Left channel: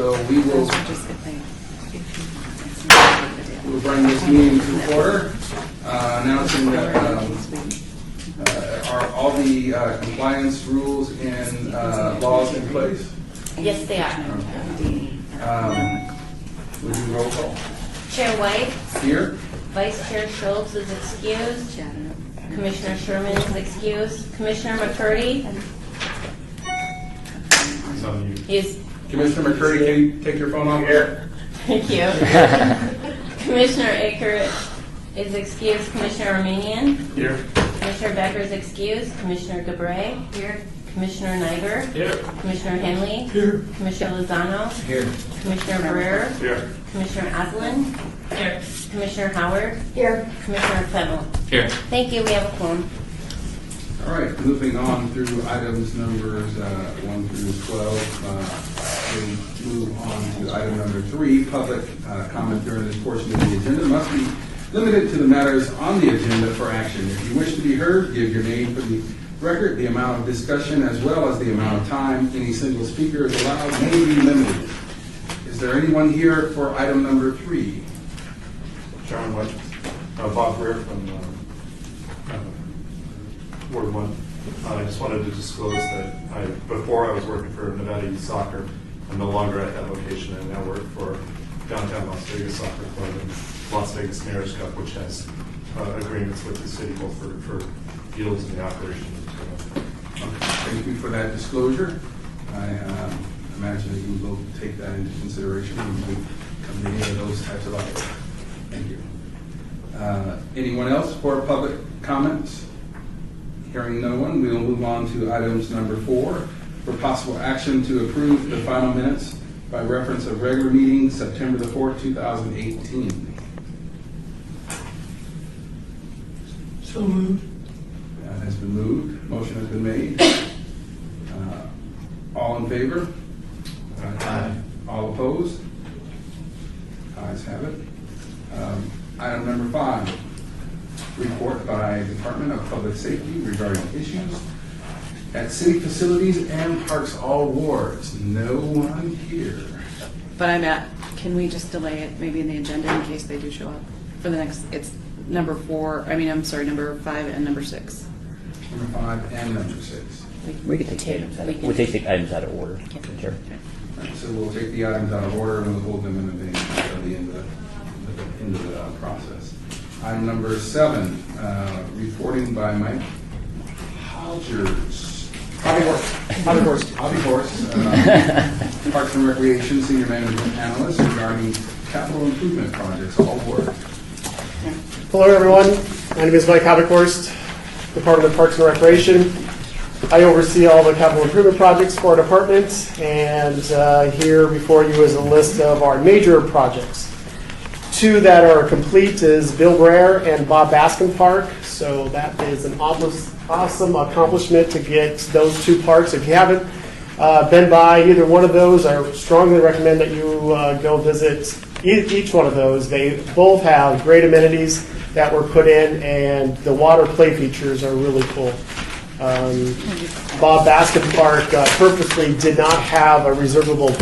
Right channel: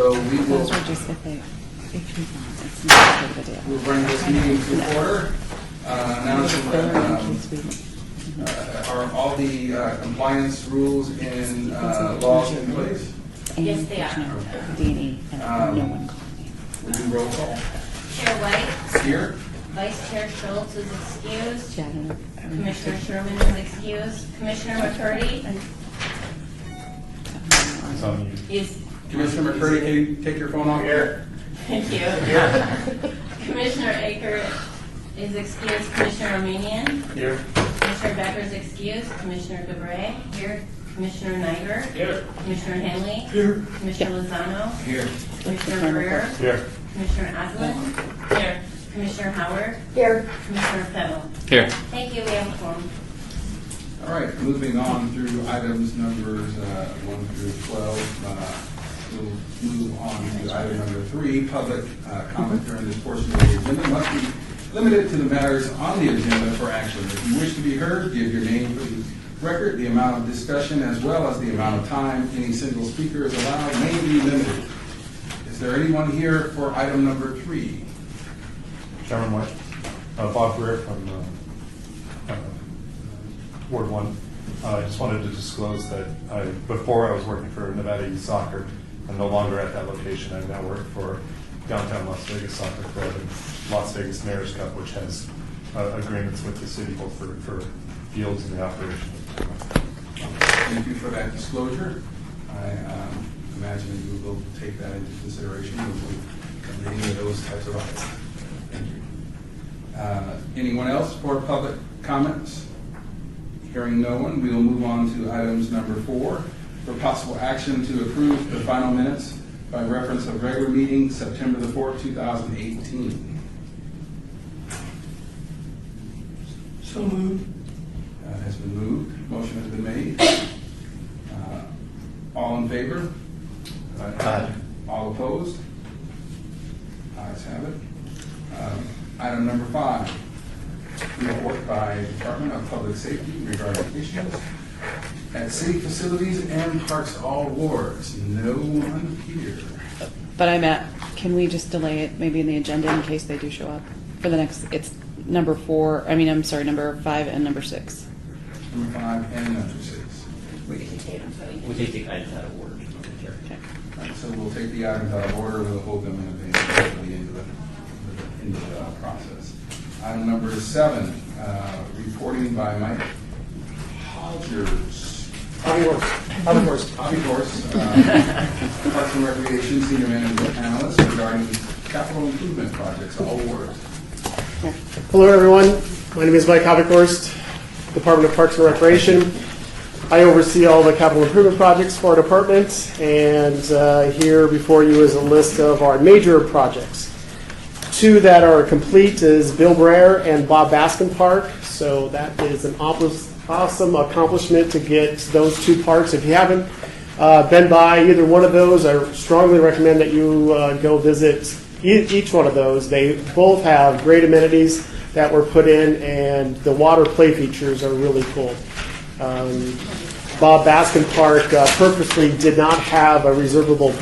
So we will Those are just if they we'll bring this meeting to order. Announcing that are all the compliance rules and laws in place? Yes, they are. We do roll call. Chair White, Here. Vice Chair Schultz is excused. Commissioner Sherman is excused. Commissioner McCurdy is. Commissioner McCurdy, can you take your phone off here? Thank you. Commissioner Aker is excused. Commissioner Armenian. Here. Commissioner Becker is excused. Commissioner Debray. Here. Commissioner Niger. Here. Commissioner Henley. Here. Commissioner Lozano. Here. Commissioner Barrera. Here. Commissioner Aslan. Here. Commissioner Howard. Here. Commissioner Fennell. Here. Thank you. We have a quorum. All right, moving on through items numbers 1 through 12. We'll move on to item number 3. Public comment during this portion of the agenda must be limited to the matters on the agenda for action. If you wish to be heard, give your name for the record. The amount of discussion as well as the amount of time any single speaker is allowed may be limited. Is there anyone here for item number 3? Chairman White, Bob Greer from Ward 1. I just wanted to disclose that before I was working for Nevada Youth Soccer. I'm no longer at that location. I now work for Downtown Las Vegas Soccer Club and Las Vegas Mayor's Cup, which has agreements with the city both for fields and the operation. Thank you for that disclosure. I imagine you will take that into consideration when you come to any of those types of items. Thank you. Anyone else for public comments? Hearing no one, we will move on to items number 4 for possible action to approve the final minutes by reference of regular meeting September the 4th, 2018. So moved. Has been moved. Motion has been made. All in favor? Aye. All opposed? Ayes have it. Item number 5. Report by Department of Public Safety regarding issues at city facilities and parks all wards. No one here. But I'm at, can we just delay it maybe in the agenda in case they do show up for the next, it's number 5 and number 6. Number 5 and number 6. We take the items out of order. Chair. So we'll take the items out of order and we'll hold them in advance at the end of the process. Item number 7, reporting by Mike Hodgers. Hobby Horse, Parks and Recreation Senior Management Analyst regarding capital improvement projects, all wards. Hello, everyone. My name is Mike Hobbyhorst, Department of Parks and Recreation. I oversee all the capital improvement projects for our department, and here before you is a list of our major projects. 2 that are complete is Bill Brer and Bob Baskin Park. So that is an awesome accomplishment to get those 2 parks. If you haven't been by either one of those, I strongly recommend that you go visit each one of those. They both have great amenities that were put in, and the water play features are really cool. Bob Baskin Park purposely did not have a reservable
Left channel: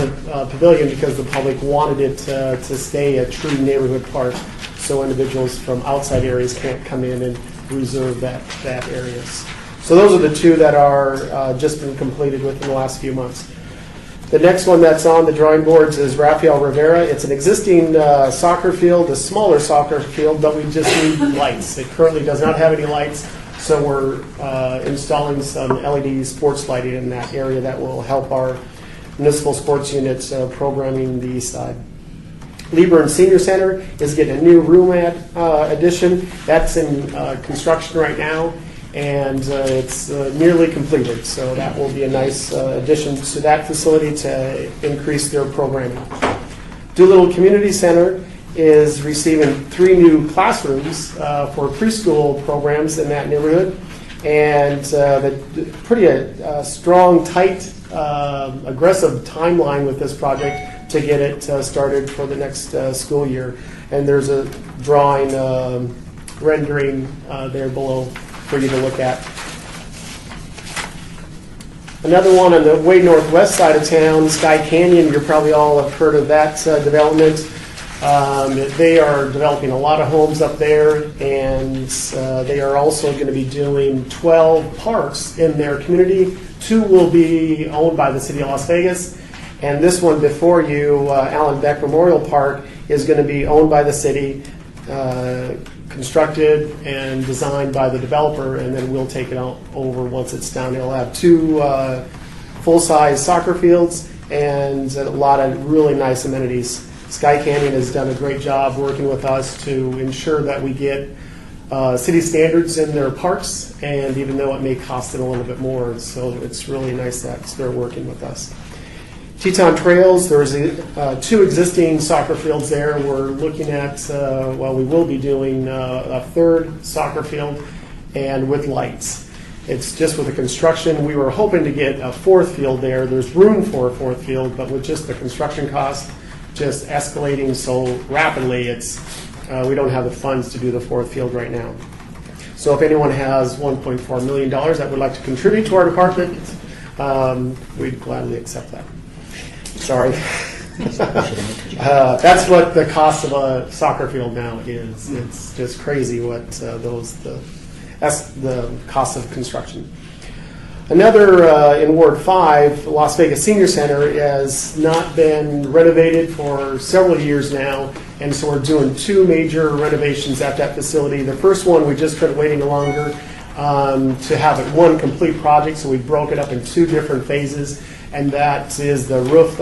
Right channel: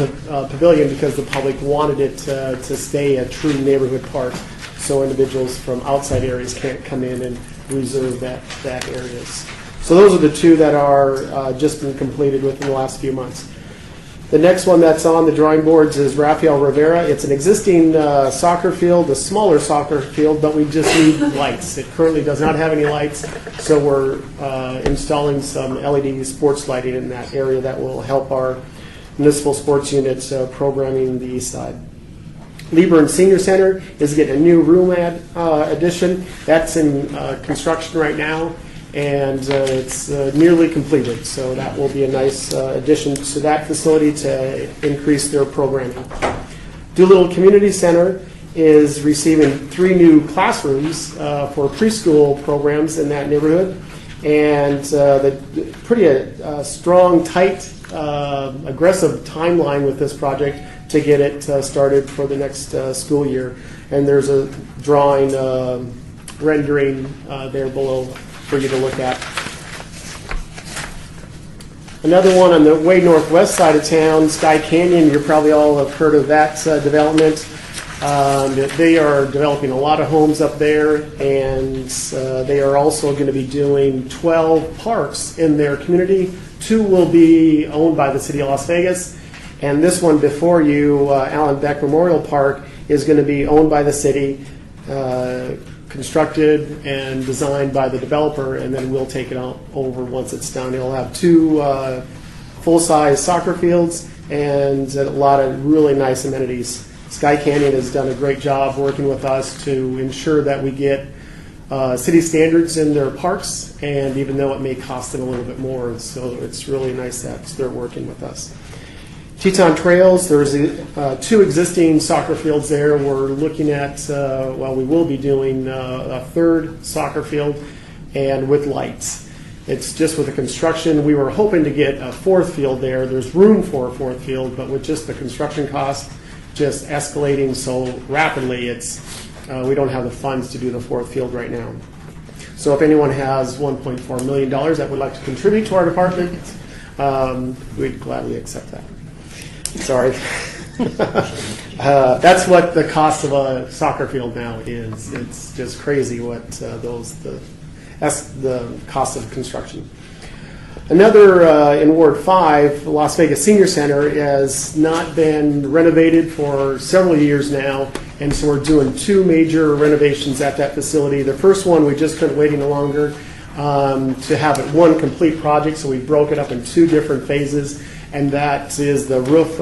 pavilion because the public wanted it to stay a true neighborhood park, so individuals from outside areas can't come in and reserve that area. So those are the 2 that are just been completed within the last few months. The next one that's on the drawing boards is Rafael Rivera. It's an existing soccer field, a smaller soccer field, but we just need lights. It currently does not have any lights, so we're installing some LED sports lighting in that area that will help our municipal sports units programming the east side. Lieber Senior Center is getting a new room addition. That's in construction right now, and it's nearly completed. So that will be a nice addition to that facility to increase their programming. Doolittle Community Center is receiving 3 new classrooms for preschool programs in that neighborhood, and the pretty strong, tight, aggressive timeline with this project to get it started for the next school year. And there's a drawing rendering there below for you to look at. Another one on the way northwest side of town, Sky Canyon. You probably all have heard of that development. They are developing a lot of homes up there, and they are also going to be doing 12 parks in their community. 2 will be owned by the city of Las Vegas, and this one before you, Allen Beck Memorial Park, is going to be owned by the city, constructed and designed by the developer, and then we'll take it out over once it's done. It'll have 2 full-size soccer fields and a lot of really nice amenities. Sky Canyon has done a great job working with us to ensure that we get city standards in their parks, and even though it may cost them a little bit more, so it's really nice that they're working with us. Teton Trails, there's 2 existing soccer fields there. We're looking at, we will be doing a 3rd soccer field, and with lights. It's just with the construction, we were hoping to get a 4th field there. There's room for a 4th field, but with just the construction cost just escalating so rapidly, we don't have the funds to do the 4th field right now. So if anyone has $1.4 million that would like to contribute to our department, we'd gladly accept that. Sorry. That's what the cost of a soccer field now is. It's just crazy what that's the cost of construction. Another in Ward 5, Las Vegas Senior Center has not been renovated for several years now, and so we're doing 2 major renovations at that facility. The first one, we just couldn't wait any longer to have it one complete project, so we broke it up in 2 different phases, and that is the roof,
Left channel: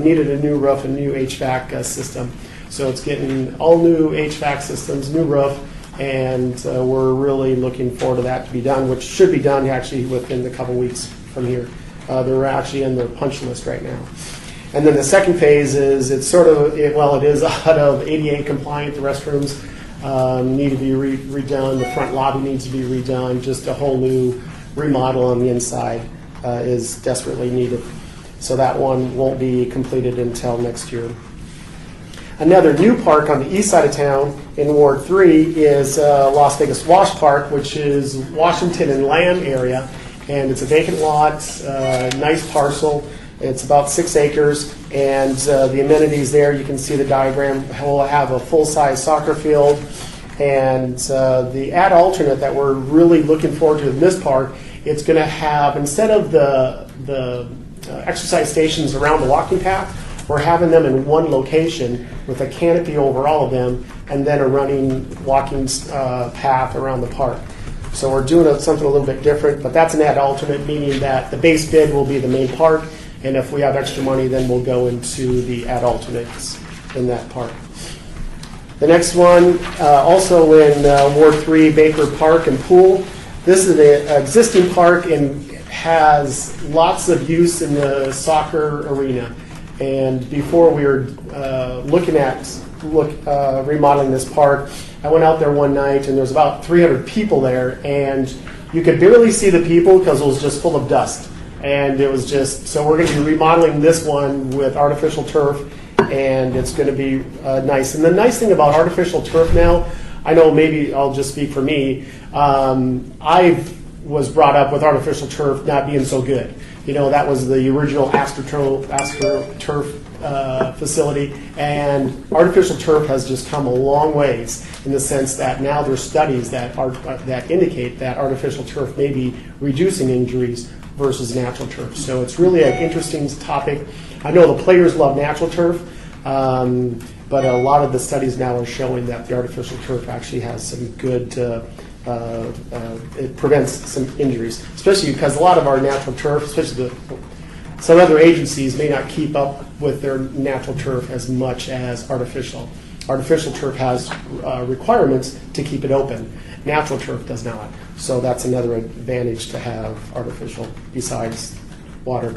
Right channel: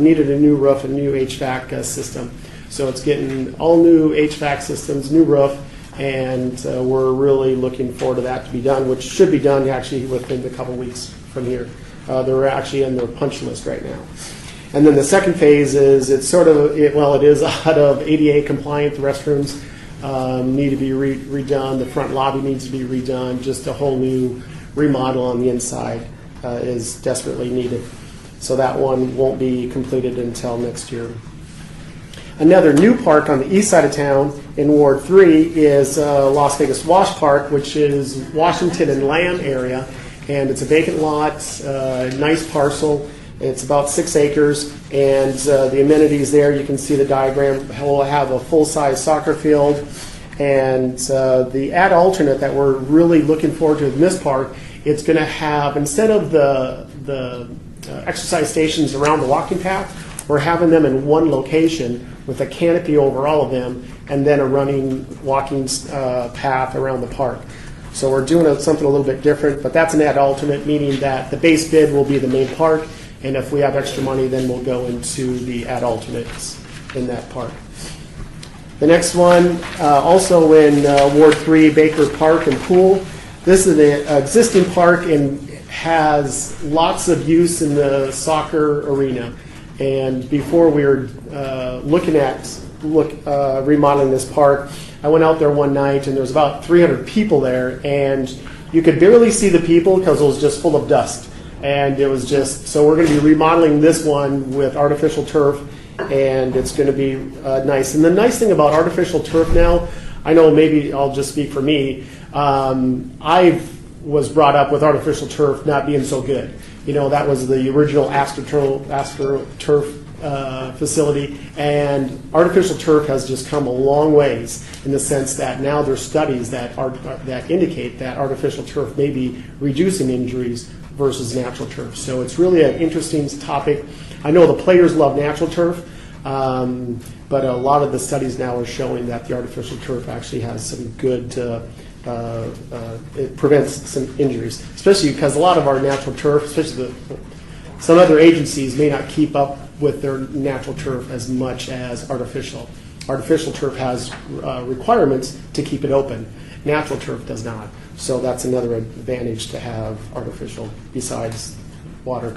needed a new roof and new HVAC system. So it's getting all new HVAC systems, new roof, and we're really looking forward to that to be done, which should be done actually within a couple weeks from here. They're actually in their punch list right now. And then the second phase is it is out of ADA compliant. The restrooms need to be redone. The front lobby needs to be redone. Just a whole new remodel on the inside is desperately needed. So that one won't be completed until next year. Another new park on the east side of town in Ward 3 is Las Vegas Wash Park, which is Washington and Land area. And it's a vacant lot, nice parcel. It's about 6 acres. And the amenities there, you can see the diagram. We'll have a full-size soccer field. And the ad alternate that we're really looking forward to in this park, it's going to have, instead of the exercise stations around the walking path, we're having them in one location with a canopy over all of them, and then a running walking path around the park. So we're doing something a little bit different, but that's an ad alternate, meaning that the base bid will be the main park, and if we have extra money, then we'll go into the ad alternates in that park. The next one, also in Ward 3, Baker Park and Pool. This is an existing park and has lots of use in the soccer arena. And before we were looking at remodeling this park, I went out there one night and there's about 300 people there, and you could barely see the people because it was just full of dust. And it was just, so we're going to be remodeling this one with artificial turf, and it's going to be nice. And the nice thing about artificial turf now, I know maybe I'll just speak for me, I was brought up with artificial turf not being so good. You know, that was the original AstroTurf facility, and artificial turf has just come a long ways in the sense that now there's studies that indicate that artificial turf may be reducing injuries versus natural turf. So it's really an interesting topic. I know the players love natural turf, but a lot of the studies now are showing that the artificial turf actually has some good it prevents some injuries, especially because a lot of our natural turf, especially some other agencies, may not keep up with their natural turf as much as artificial. Artificial turf has requirements to keep it open. Natural turf does not. So that's another advantage to have artificial besides water.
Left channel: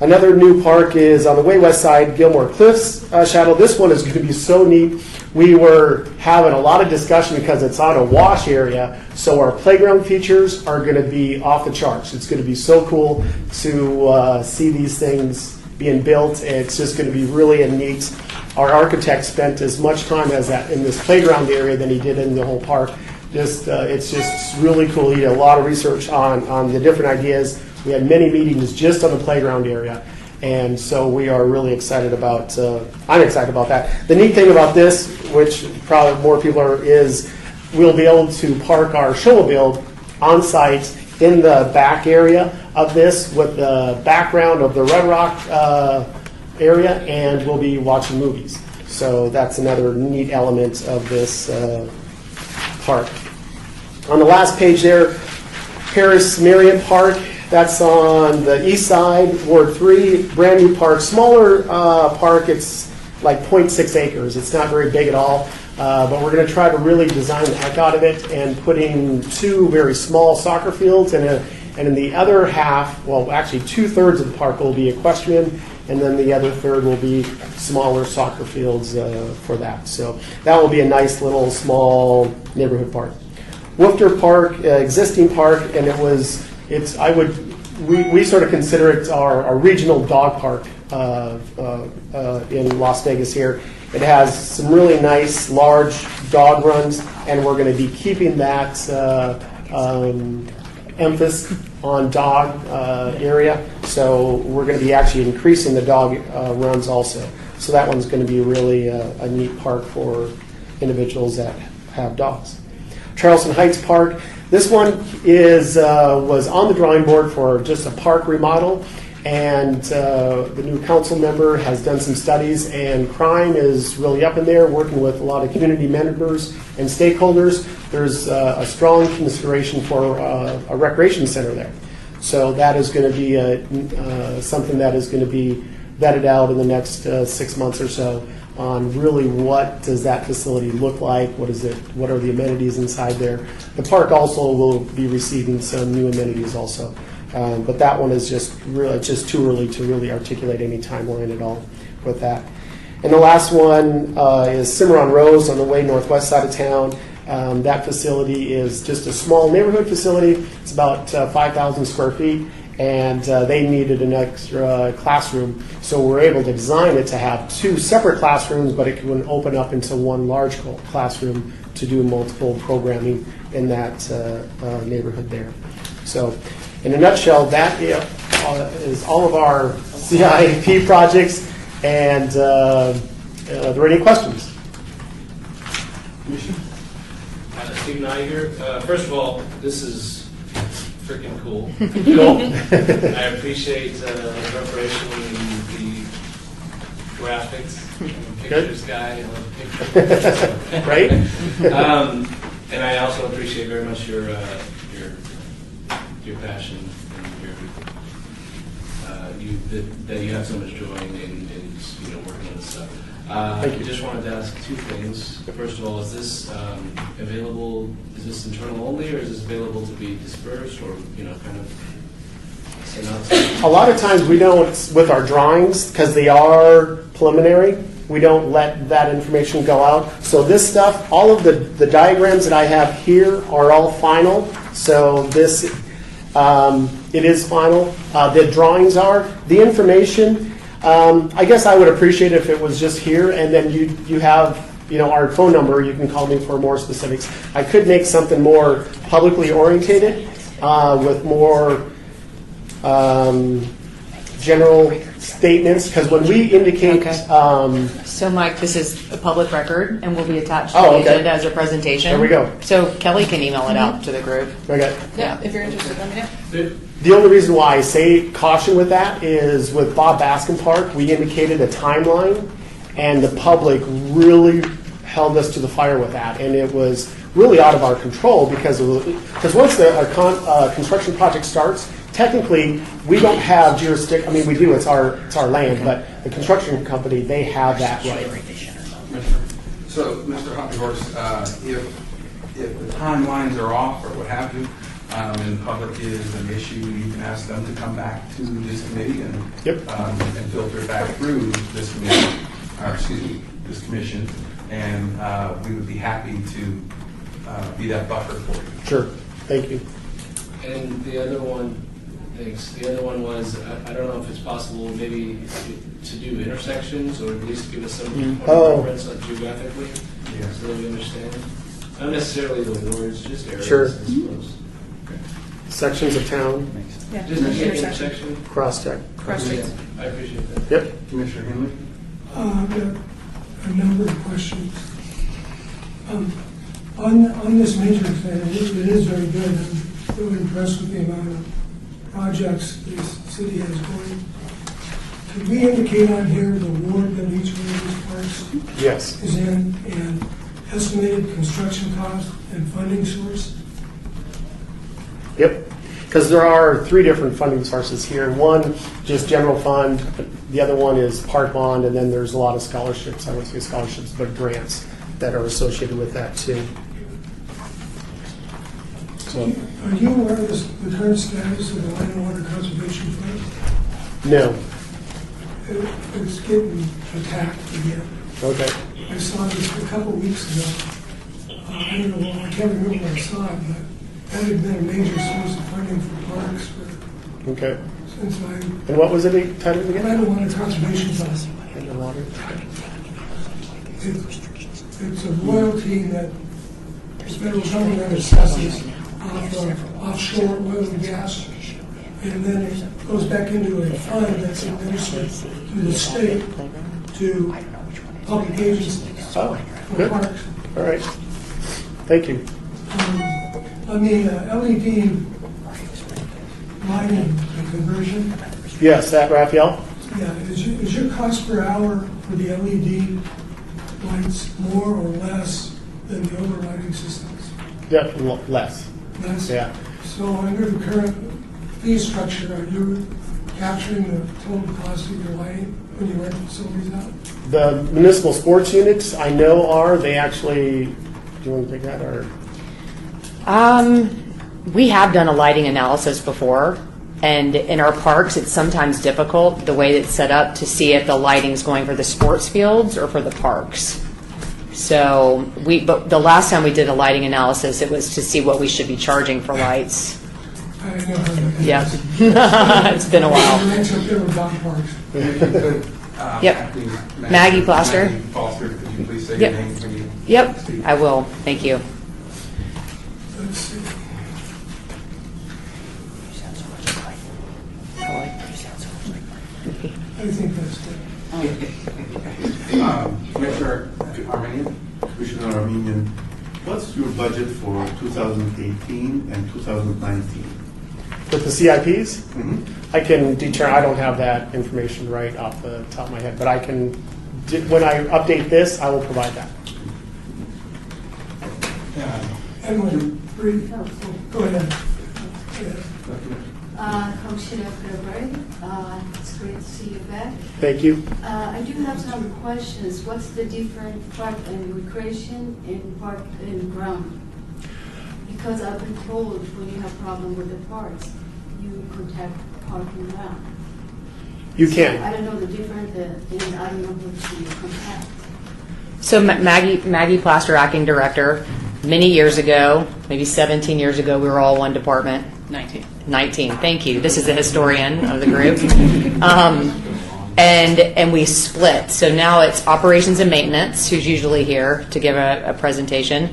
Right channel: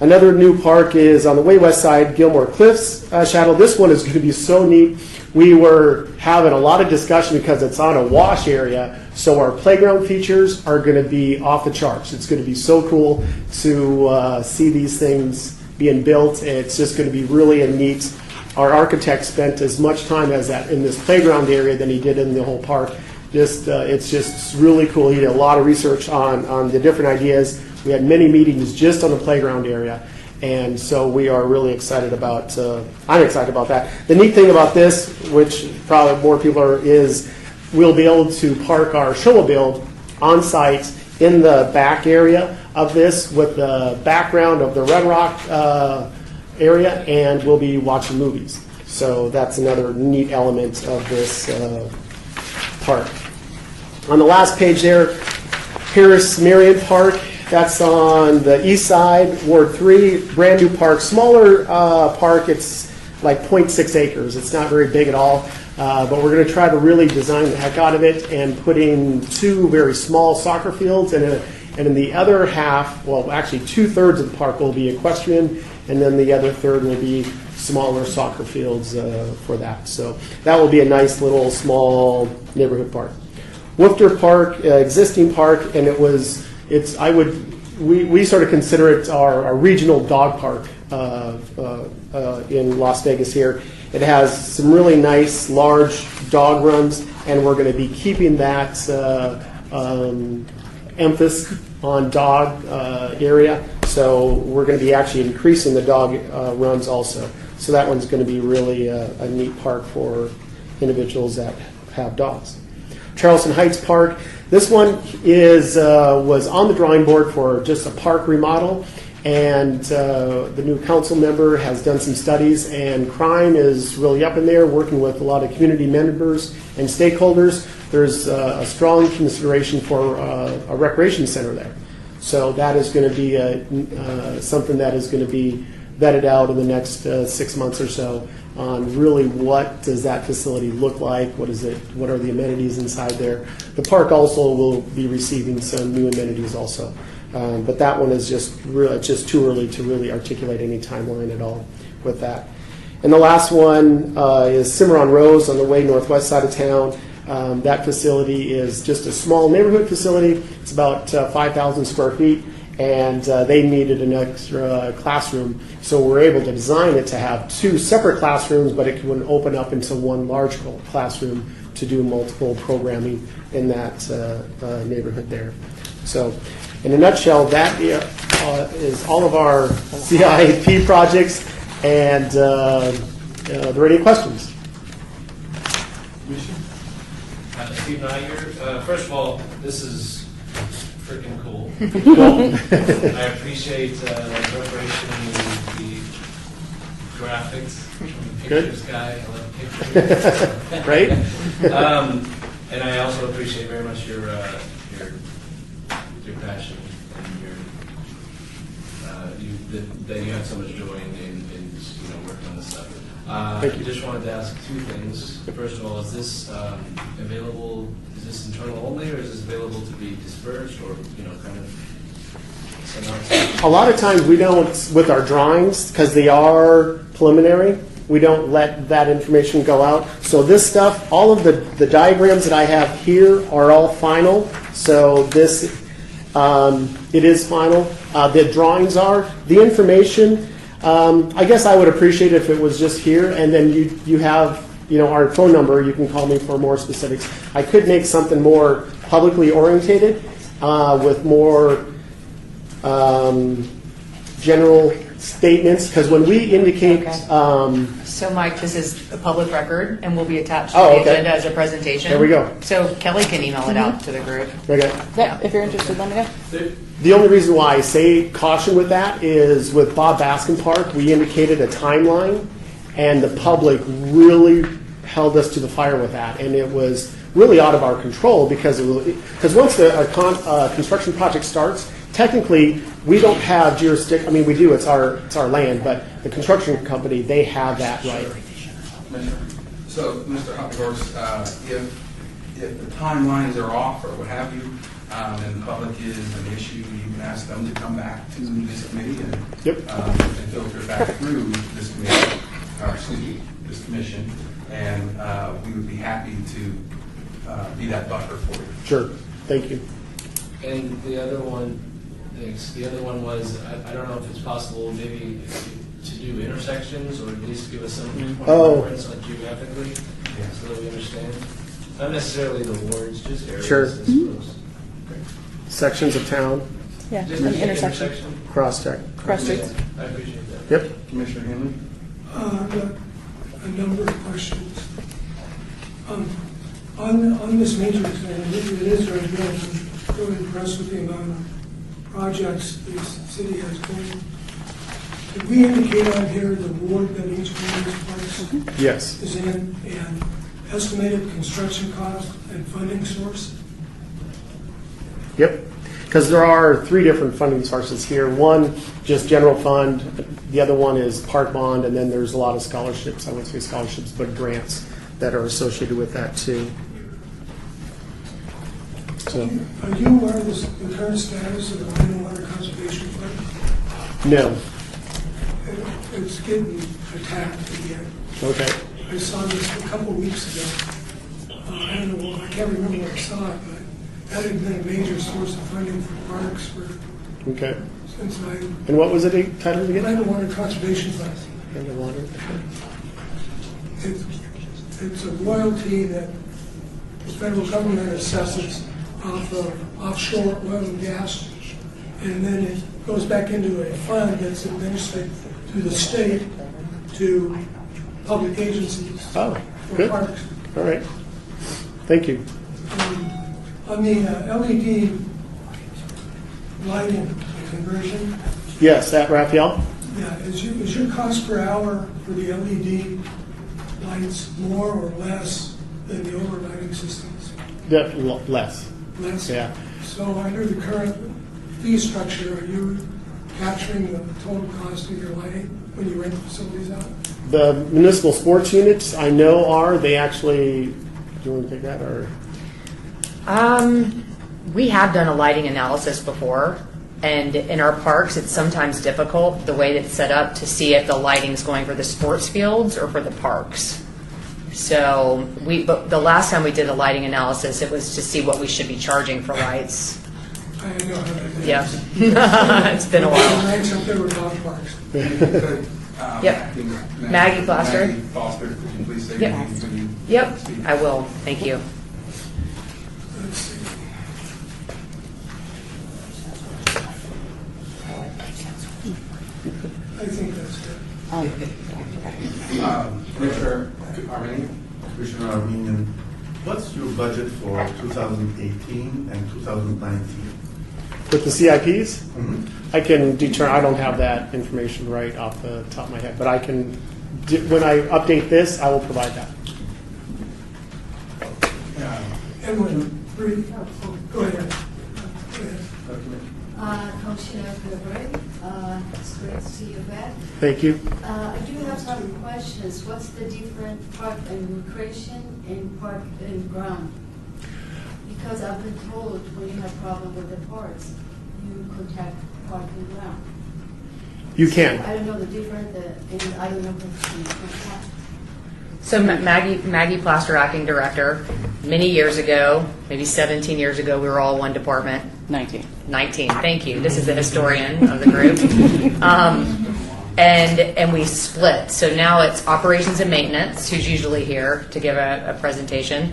Another new park is on the way west side, Gilmore Cliffs Shadow. This one is going to be so neat. We were having a lot of discussion because it's on a wash area, so our playground features are going to be off the charts. It's going to be so cool to see these things being built. It's just going to be really neat. Our architect spent as much time as that in this playground area than he did in the whole park. It's just really cool. He did a lot of research on the different ideas. We had many meetings just on the playground area. And so we are really excited about, I'm excited about that. The neat thing about this, which probably more people are, is we'll be able to park our snowmobile on site in the back area of this with the background of the Red Rock area, and we'll be watching movies. So that's another neat element of this park. On the last page there, Paris Marion Park. That's on the east side, Ward 3, brand new park, smaller park. It's like 0.6 acres. It's not very big at all, but we're going to try to really design the heck out of it and put in 2 very small soccer fields, and in the other half, well, actually 2/3 of the park will be equestrian, and then the other third will be smaller soccer fields for that. So that will be a nice little small neighborhood park. Woofter Park, existing park, and we sort of consider it our regional dog park in Las Vegas here. It has some really nice large dog runs, and we're going to be keeping that emphasis on dog area. So we're going to be actually increasing the dog runs also. So that one's going to be really a neat park for individuals that have dogs. Charleston Heights Park. This one was on the drawing board for just a park remodel, and the new council member has done some studies, and crime is really up in there, working with a lot of community members and stakeholders. There's a strong consideration for a recreation center there. So that is going to be something that is going to be vetted out in the next 6 months or so on really what does that facility look like, what are the amenities inside there. The park also will be receiving some new amenities also. But that one is just too early to really articulate any timeline at all with that. And the last one is Cimarron Rose on the way northwest side of town. That facility is just a small neighborhood facility. It's about 5,000 square feet, and they needed an extra classroom. So we're able to design it to have 2 separate classrooms, but it can open up into one large classroom to do multiple programming in that neighborhood there. So in a nutshell, that is all of our CIP projects. And are there any questions? Steve Niger. First of all, this is freaking cool. I appreciate the preparation and the graphics. I'm a pictures guy. I love pictures. Right? And I also appreciate very much your passion and that you have so much joy in working on this stuff. I just wanted to ask 2 things. First of all, is this available? Is this internal only, or is this available to be dispersed, or kind of sent out? A lot of times we don't, with our drawings, because they are preliminary, we don't let that information go out. So this stuff, all of the diagrams that I have here are all final. So this, it is final. The drawings are. The information, I guess I would appreciate it if it was just here, and then you have our phone number. You can call me for more specifics. I could make something more publicly orientated with more general statements, because when we indicate... Okay. So, Mike, this is a public record and will be attached to the okay. agenda as a presentation. There we go. So Kelly can email it out to the group. Okay. Yeah, if you're interested, let me know. The only reason why I say caution with that is with Bob Baskin Park, we indicated a timeline, and the public really held us to the fire with that, and it was really out of our control because once the construction project starts, technically we don't have jurisdiction. I mean, we do. It's our land, but the construction company, they have that right. So, Mr. Hoppenhorst, if the timelines are off or what have you, and the public is an issue, you can ask them to come back to this committee and filter back through this committee, this commission, and we would be happy to be that buffer for you. Sure. Thank you. And the other one, thanks. The other one was, I don't know if it's possible maybe to do intersections, or at least give us some point of reference geographically, so that we understand. Not necessarily the wards, just areas, Sure. I suppose. Sections of town, Yeah, Just an intersection, intersection? cross-check. cross streets. Yeah, I appreciate that. Yep. Commissioner Henley? I've got a number of questions. On this matrix, and it is very good, I'm really impressed with the amount of projects this city has going. Did we indicate on here the ward that each one of these parks Yes. is in, and estimated construction cost and funding source? Yep. Because there are 3 different funding sources here. One, just general fund. The other one is park bond, and then there's a lot of scholarships. I wouldn't say scholarships, but grants that are associated with that too. So, Are you aware of the current status of the Land and Water Conservation Fund? no. It's getting attacked again. Okay. I saw this a couple weeks ago. I don't know, I can't remember where I saw it, but that had been a major source of funding for parks for, Okay. since I, And what was it titled again? Land and Water Conservation Fund. It's a royalty that the federal government assesses off of offshore oil and gas, and then it goes back into a fund that's administered through the state to public agencies Oh, for good. parks. All right. Thank you. On the LED lighting, the conversion, Yes, that Raphael? yeah, is your cost per hour for the LED lights more or less than the overlighting systems? Definitely less. Less? Yeah. So under the current fee structure, are you capturing the total cost of your lighting when you rent the facilities out? The municipal sports units I know are, they actually, do you want to take that or? We have done a lighting analysis before, and in our parks, it's sometimes difficult, the way it's set up, to see if the lighting's going for the sports fields or for the parks. So but the last time we did a lighting analysis, it was to see what we should be charging for lights. I know how that is. Yeah. It's been a while. The lights up there with dog parks. Maybe you could, Yep. acting Maggie Foster. Maggie Foster, could you please say Yep. your name? Could you Yep, speak? I will. Thank you. Let's see. I think that's good. Commissioner Armenian? Commissioner Armenian, what's your budget for 2018 and 2019? With the CIPs? I can determine, I don't have that information right off the top of my head, but I can, when I update this, I will provide that. Emily, go ahead. Commissioner Gregory, it's great to see you back. Thank you. I do have some questions. What's the difference park and recreation and park and ground? Because I've been told when you have problem with the parks, you contact park and ground. You I can. don't know the difference, and I don't know who to contact. So Maggie Plaster, acting director, many years ago, maybe 17 years ago, we were all one department. 19, thank you. This is the historian of the group. And we split. So now it's operations and maintenance, who's usually here to give a presentation.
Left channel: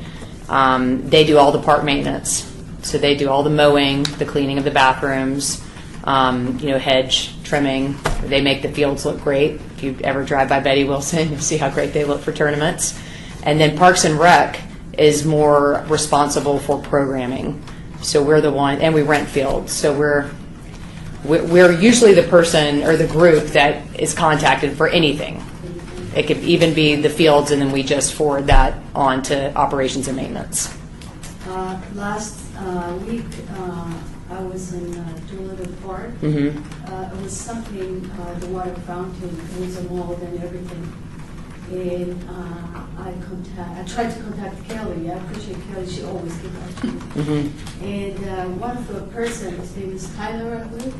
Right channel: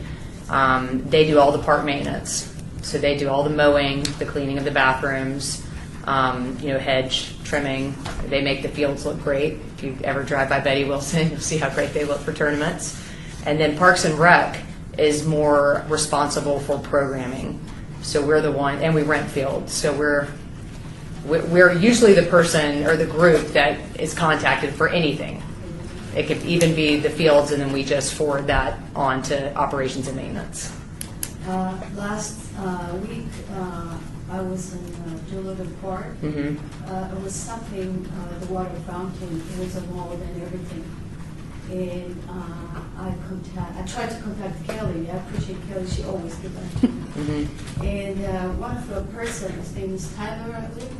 They do all the park maintenance. So they do all the mowing, the cleaning of the bathrooms, hedge trimming. They make the fields look great. If you ever drive by Betty Wilson, you see how great they look for tournaments. And then Parks and Rec is more responsible for programming. So we're the one, and we rent fields. So we're usually the person or the group that is contacted for anything. It could even be the fields, and then we just forward that on to operations and maintenance. Last week, I was in Doolittle Park. It was something, the water fountain was a mold and everything. And I tried to contact Kelly. I appreciate Kelly. She always gets back to me. And one of the person, his name is Tyler, I believe.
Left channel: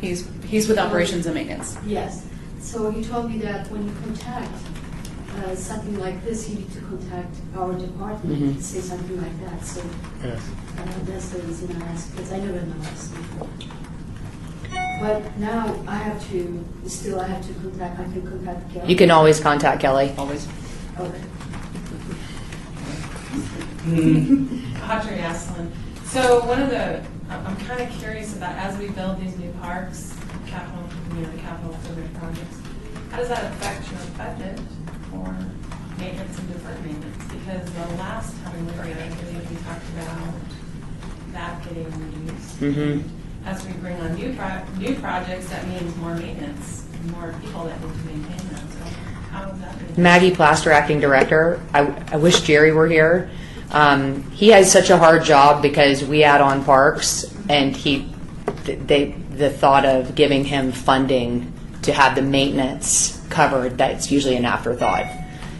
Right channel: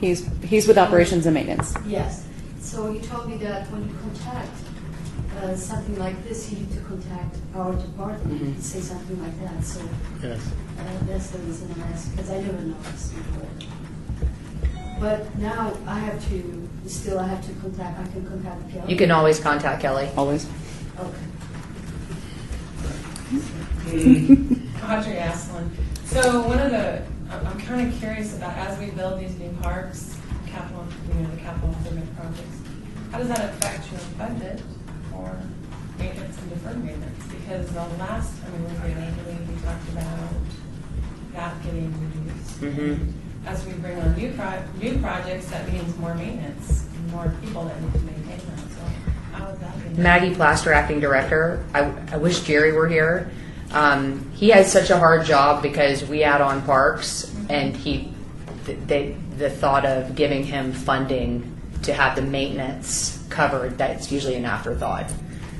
He's with operations and maintenance. Yes. So he told me that when you contact something like this, you need to contact our department, say something like that. So Yes. that's the reason I asked, because I never know this before. But now I have to contact, I can contact Kelly. You can always contact Kelly. Always. Okay. Audrey Aslin. So one of the, I'm kind of curious about, as we build these new parks, capital, the capital improvement projects, how does that affect your budget for maintenance and deferred maintenance? Because the last time we were here, I think we talked about that getting reduced. Mm-hmm. As we bring on new projects, that means more maintenance, and more people that need to maintain them. So how is that being? Maggie Plaster, acting director. I wish Jerry were here. He has such a hard job because we add on parks, and the thought of giving him funding to have the maintenance covered, that's usually an afterthought.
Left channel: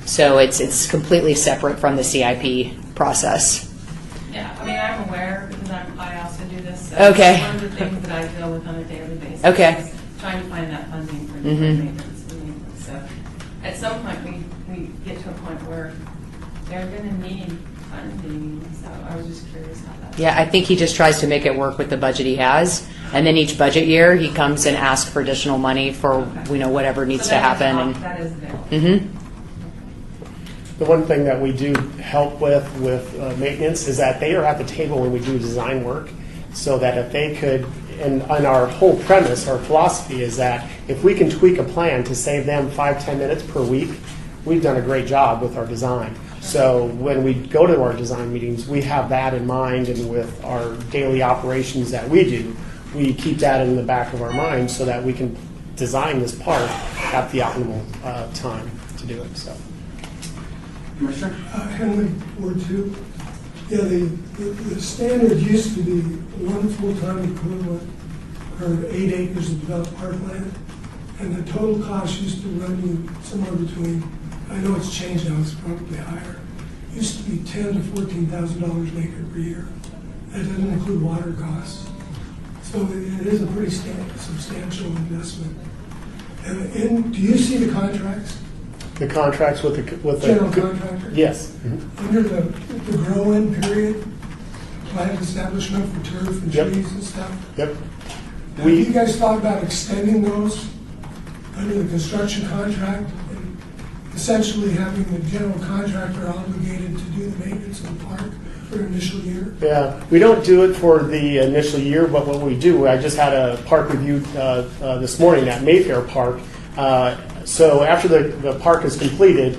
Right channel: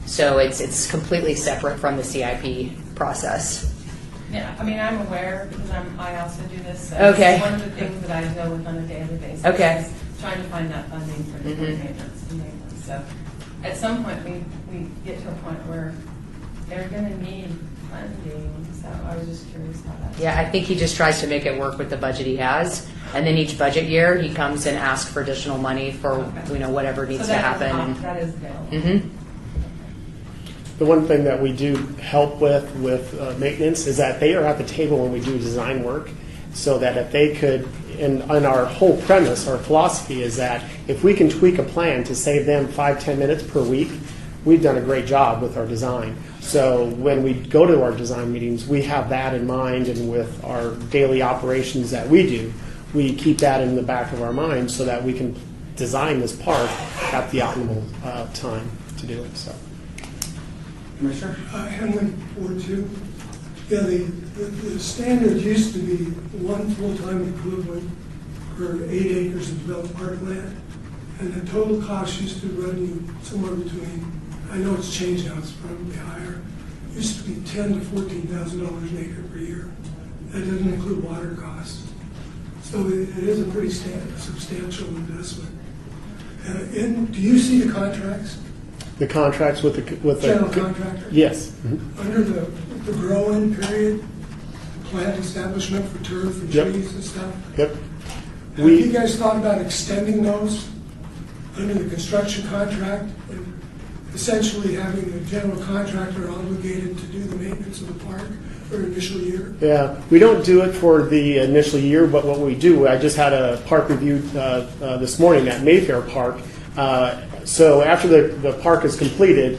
So it's completely separate from the CIP process. Yeah, I mean, I'm aware because I also do this. So Okay. One of the things that I deal with on a daily basis Okay. is trying to find that funding for Mhm. maintenance and maintenance. So at some point, we get to a point where they're going to need funding. So I was just curious how that. Yeah, I think he just tries to make it work with the budget he has, and then each budget year he comes and asks for additional money for whatever needs So to that is happen. off- that is available. Mm-hmm. The one thing that we do help with maintenance is that they are at the table when we do design work, so that if they could, and our whole premise or philosophy is that if we can tweak a plan to save them 5-10 minutes per week, we've done a great job with our design. So when we go to our design meetings, we have that in mind, and with our daily operations that we do, we keep that in the back of our mind so that we can design this park at the optimal time to do it. So. Commissioner? Henley, Ward 2. Yeah, the standard used to be one full-time equivalent for 8 acres of developed parkland, and the total cost used to run you somewhere between, I know it's changed now, it's probably higher, used to be $10,000 to $14,000 an acre per year. That doesn't include water costs. So it is a pretty substantial investment. And do you see the contracts? The contracts with the General contractor? Yes. Under the grow-in period, plant establishment for turf and Yep. trees and stuff. Yep. Have you guys thought about extending those under the construction contract? And essentially having the general contractor obligated to do the maintenance of the park for an initial year? Yeah, we don't do it for the initial year, but what we do, I just had a park review this morning at Mayfair Park. So after the park is completed,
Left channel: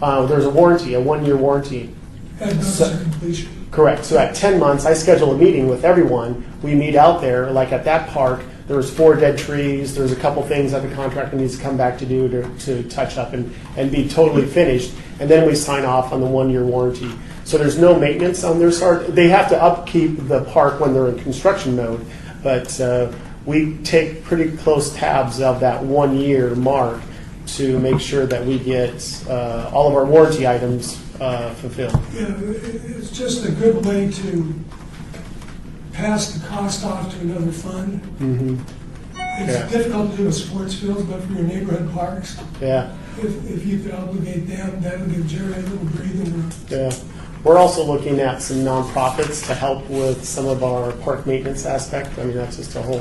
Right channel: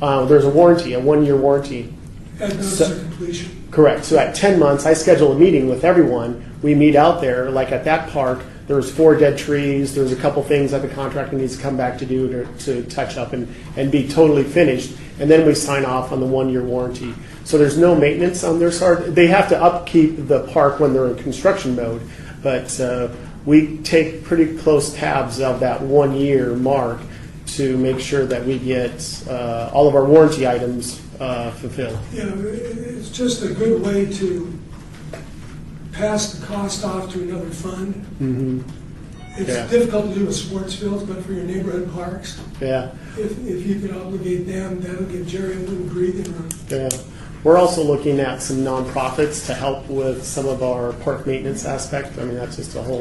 there's a warranty, a 1-year warranty. As notice of completion? Correct. So at 10 months, I schedule a meeting with everyone. We meet out there, like at that park, there's 4 dead trees, there's a couple things that the contractor needs to come back to do to touch up and be totally finished. And then we sign off on the 1-year warranty. So there's no maintenance on their side. They have to upkeep the park when they're in construction mode, but we take pretty close tabs of that 1-year mark to make sure that we get all of our warranty items fulfilled. Yeah, it's just a good way to pass the cost off to another fund. Mm-hmm. It's Yeah. difficult to do with sports fields, but for your neighborhood parks, Yeah, if you could obligate them, that would give Jerry a little breathing room. yeah. We're also looking at some nonprofits to help with some of our park maintenance aspect. I mean, that's just a whole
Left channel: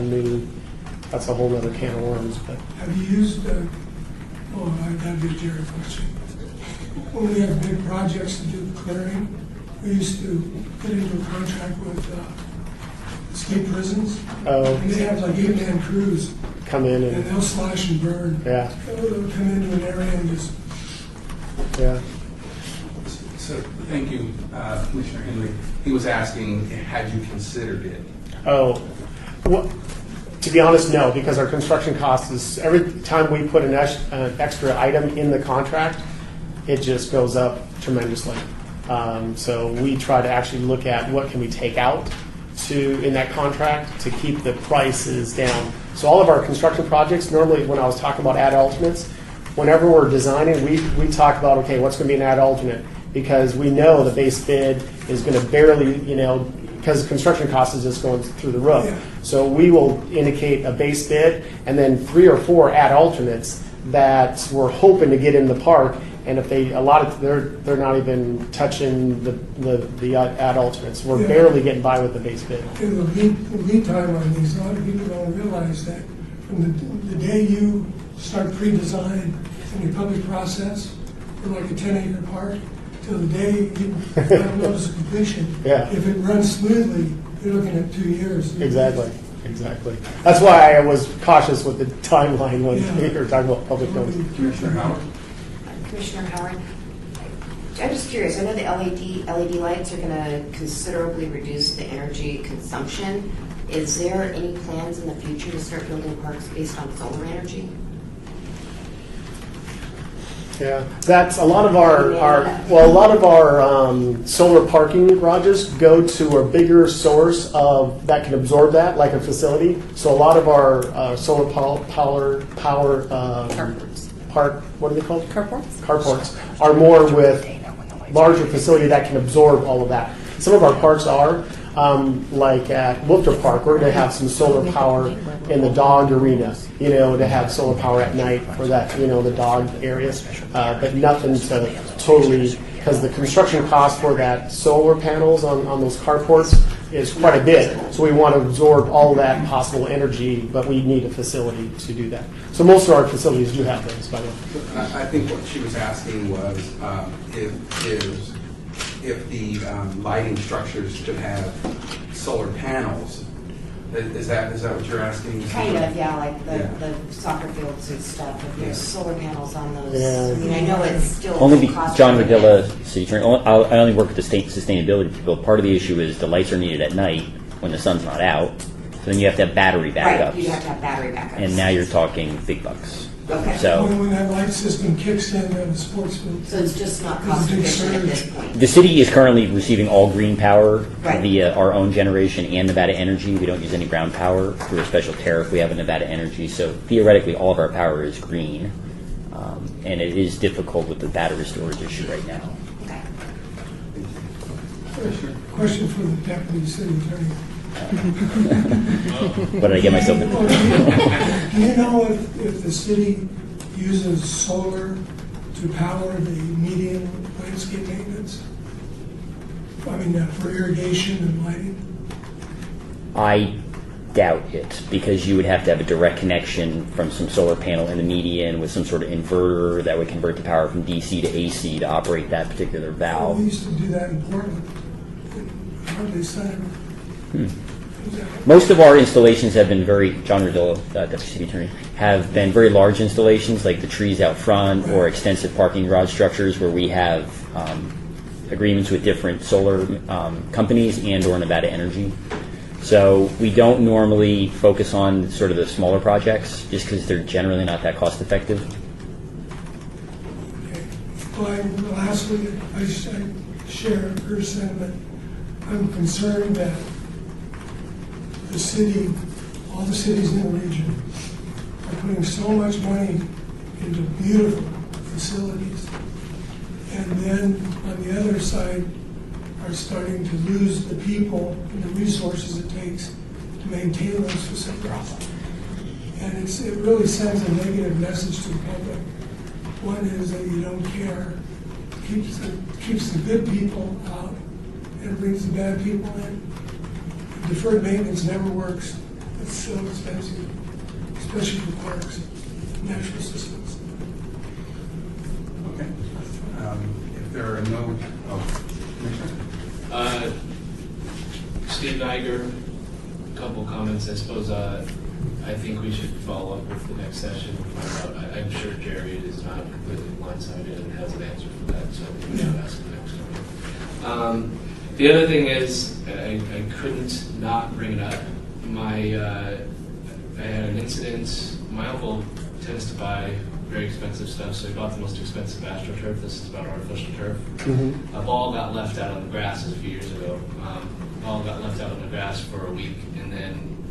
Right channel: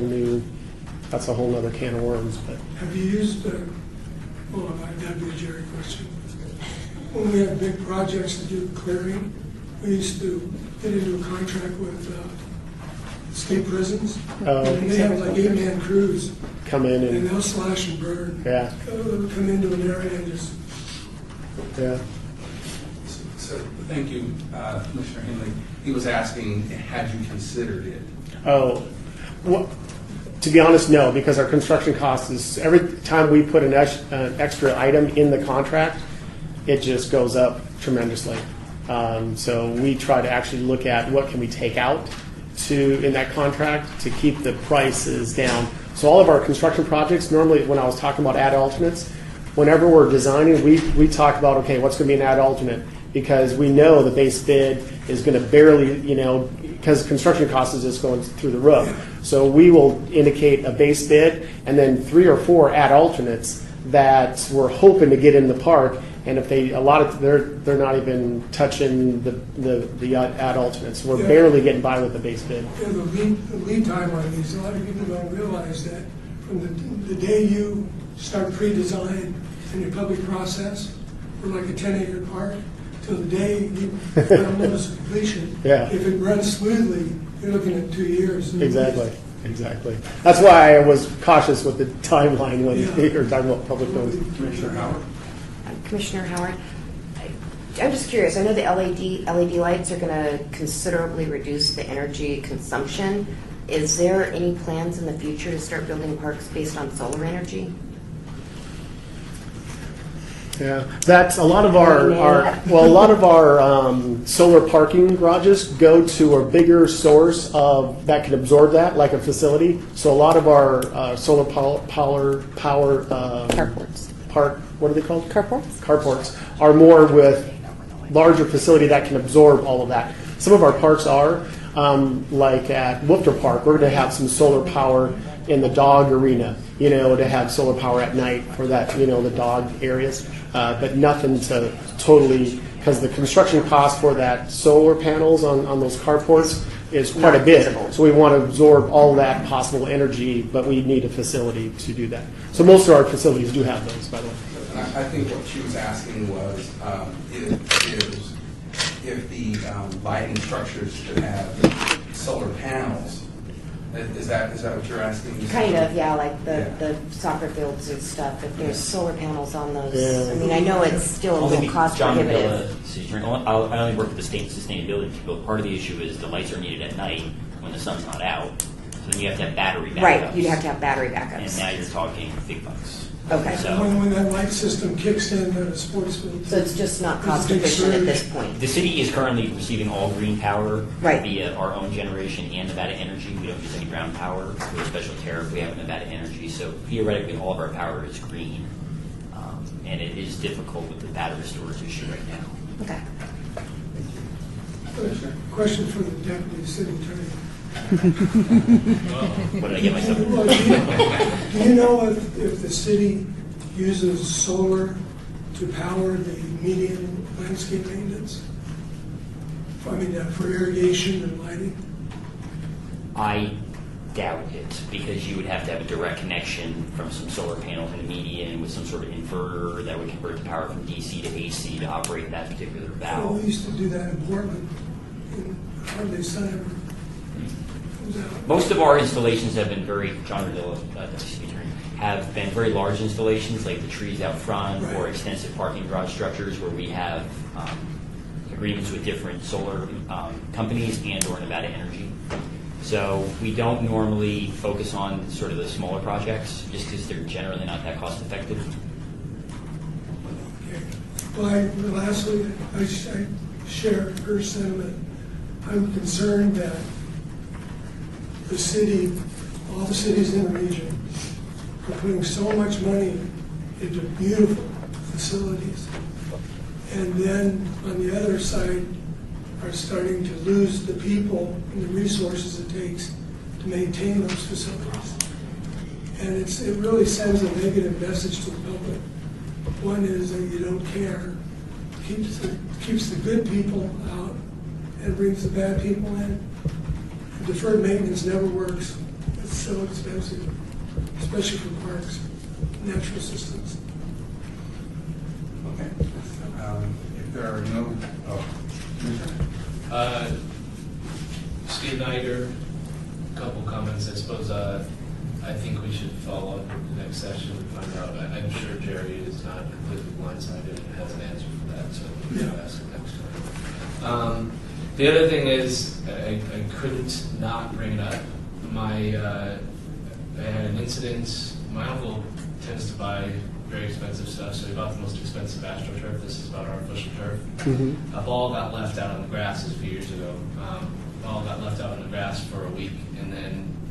other can of worms. But Have you used, I've got a Jerry question. When we have big projects to do clearing, we used to get into a contract with state prisons. And they have like 8-man crews, come in and and they'll slash and burn. yeah, They'll come into an area and just, yeah. So, thank you, Commissioner Henley. He was asking, had you considered it? Oh, well, to be honest, no, because our construction cost is, every time we put an extra item in the contract, it just goes up tremendously. So we try to actually look at what can we take out in that contract to keep the prices down. So all of our construction projects, normally when I was talking about add alternates, whenever we're designing, we talk about, okay, what's going to be an add alternate? Because we know the base bid is going to barely, because construction cost is just going through the roof. So we will indicate a base bid and then 3 or 4 add alternates that we're hoping to get in the park. And if they're not even touching the add alternates. We're barely getting by with the base bid. the lead time on these, a lot of people don't realize that from the day you start pre-design in your public process for like a 10-acre park, till the day you file notice of completion. Yeah. If it runs smoothly, you're looking at 2 years. Exactly. That's why I was cautious with the timeline when you're talking about public buildings. Commissioner Howard. Commissioner Howard, I'm just curious. I know the LED lights are going to considerably reduce the energy consumption. Is there any plans in the future to start building parks based on solar energy? Yeah, that's a lot of our solar parking garages go to a bigger source of that can absorb that, like a facility. So a lot of our solar power Carports. what are they called? Carports? Carports are more with larger facility that can absorb all of that. Some of our parks are. Like at Woofter Park, we're going to have some solar power in the dog arena, to have solar power at night for that, the dog areas. But nothing to totally, because the construction cost for that solar panels on those carports is quite a bit. So we want to absorb all that possible energy, but we need a facility to do that. So most of our facilities do have those, by the way. I think what she was asking was if the lighting structures could have solar panels. Is that what you're asking? Kind of, yeah, like the Yeah. soccer fields and stuff. If there's Yeah. solar panels on those, Yeah. I mean, I know it's still Only because cost John prohibitive. Davila, city attorney, I only work with the state sustainability people. Part of the issue is the lights are needed at night when the sun's not out. So then you have to have battery backups. Right, you'd have to have battery backups. And now you're talking big bucks. Okay. So When that light system kicks in at a sports field. So it's just not It's a cost big efficient at surge. this point. the city is currently receiving all green power Right. via our own generation and Nevada Energy. We don't use any brown power through a special tariff we have in Nevada Energy. So theoretically, all of our power is green. And it is difficult with the battery storage issue right now. Okay. Question for the deputy city attorney. What did I get myself into? Do you know if the city uses solar to power the median landscape maintenance? I mean, for irrigation and lighting? I doubt it, because you would have to have a direct connection from some solar panel in the median with some sort of inverter that would convert the power from DC to AC to operate that particular We valve. used to do that in Portland, in Hartley Center. Most of our installations have been very, John Rodillo, Deputy City Attorney, have been very large installations, like the trees out front or extensive parking garage structures where we have agreements with different solar companies and or Nevada Energy. So we don't normally focus on sort of the smaller projects just because they're generally not that cost effective. Well, lastly, I share her sentiment. I'm concerned that the city, all the cities in the region, are putting so much money into beautiful facilities, and then on the other side are starting to lose the people and the resources it takes to maintain those facilities. And it really sends a negative message to the public. One is that you don't care, keeps the good people out and brings the bad people in. Deferred maintenance never works. It's so expensive, especially for parks, natural systems. Okay. If there are no, Commissioner. Steve Niger, a couple comments. I suppose I think we should follow up with the next session and find out. I'm sure Jerry is not completely blindsided and has an answer for that, so we should ask him next time. The other thing is, I couldn't not bring it up. I had an incident. My uncle tends to buy very expensive stuff, so he bought the most expensive AstroTurf. This is about artificial turf. A ball got left out on the grass a few years ago. The ball got left out on the grass for a week, and then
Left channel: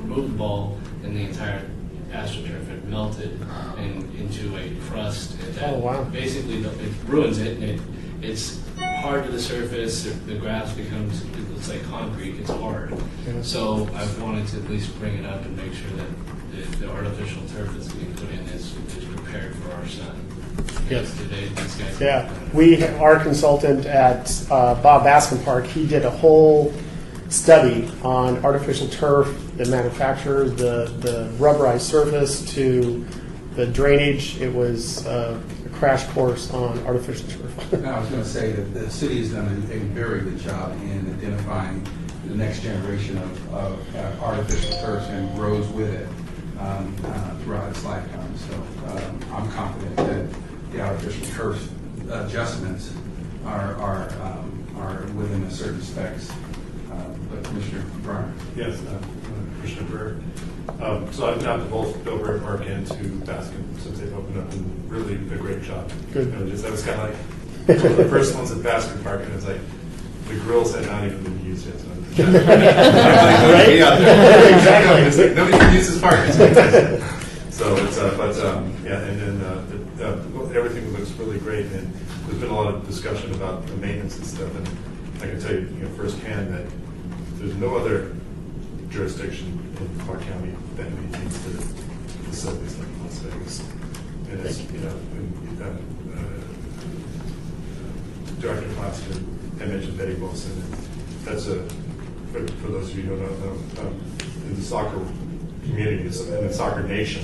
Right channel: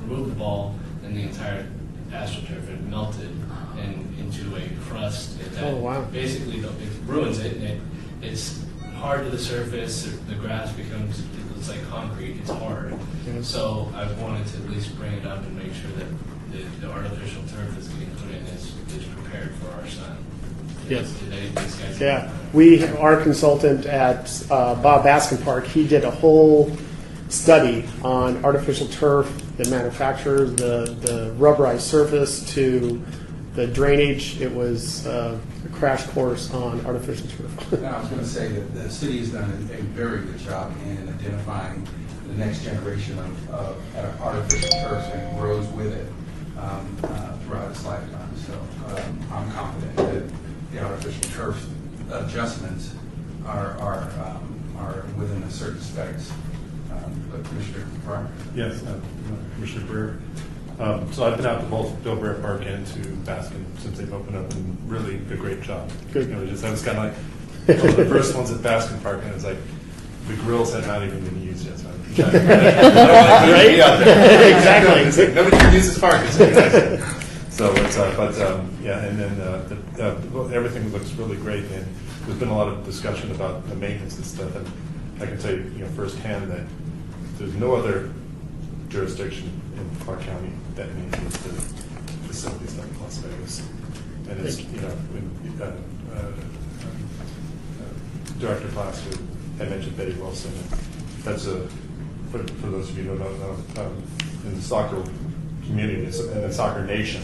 removed the ball, and the entire AstroTurf had melted and into a crust. Oh, wow. Basically, it ruins it, and it's hard to the surface. The grass becomes, it's like concrete. It's hard. So I wanted to at least bring it up and make sure that the artificial turf that's being put in is prepared for our son. Yes. These guys. Yeah. Our consultant at Bob Baskin Park, he did a whole study on artificial turf, the manufacturer, the rubberized surface to the drainage. It was a crash course on artificial turf. And I was going to say that the city has done a very good job in identifying the next generation of artificial turf and grows with it throughout its lifetime. So I'm confident that the artificial turf adjustments are within a certain specs. But Commissioner Bryan? Yes, Commissioner Brewer. So I've been out to both Bilberry Park and to Baskin since they've opened up, and really a great job. Good. You know, I was kind of like one of the first ones at Baskin Park, and it's like the grills had not even been used yet. So Right? Yeah, Exactly. It's like, nobody can use this park. It's fantastic. So it's yeah, and then everything looks really great, and there's been a lot of discussion about the maintenance and stuff, and I can tell you, firsthand that there's no other jurisdiction in Clark County that maintains their facilities like Las Vegas. And it's, we've got Director Plaster, I mentioned Betty Wilson, and that's for those of you who don't know, in the soccer community, in the soccer nation,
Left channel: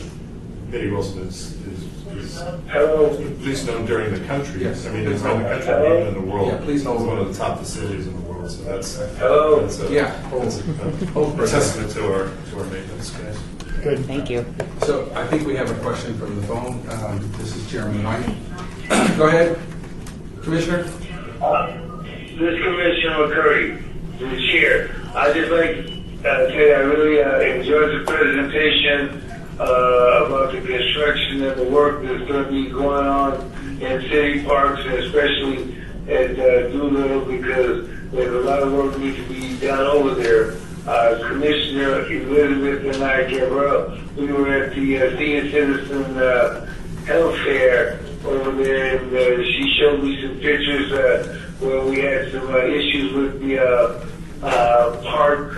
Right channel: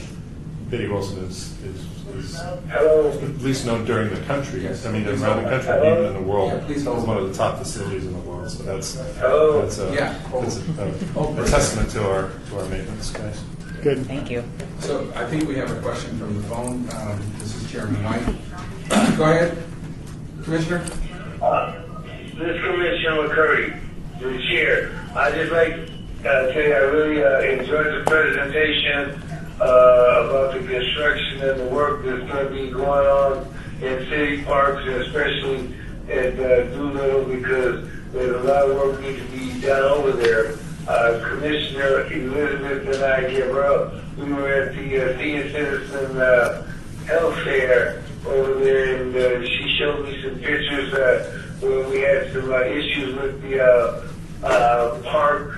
Betty Wilson is at least known during the country. Yes. I mean, around the country, even in the world. Yeah, please it's hold. one of the top facilities in the world. So that's a testament to our maintenance guys. Good. Thank you. So I think we have a question from the phone. This is Chairman White. Go ahead, Commissioner. This is Commissioner McCurry, the chair. I'd just like to say I really enjoyed the presentation about the construction and the work that's going to be going on in city parks, and especially at Doolittle, because there's a lot of work needs to be done over there. Commissioner Elizabeth and I, Gabrielle, we were at the Senior Citizen Health Fair over there, and she showed me some pictures where we had some issues with the park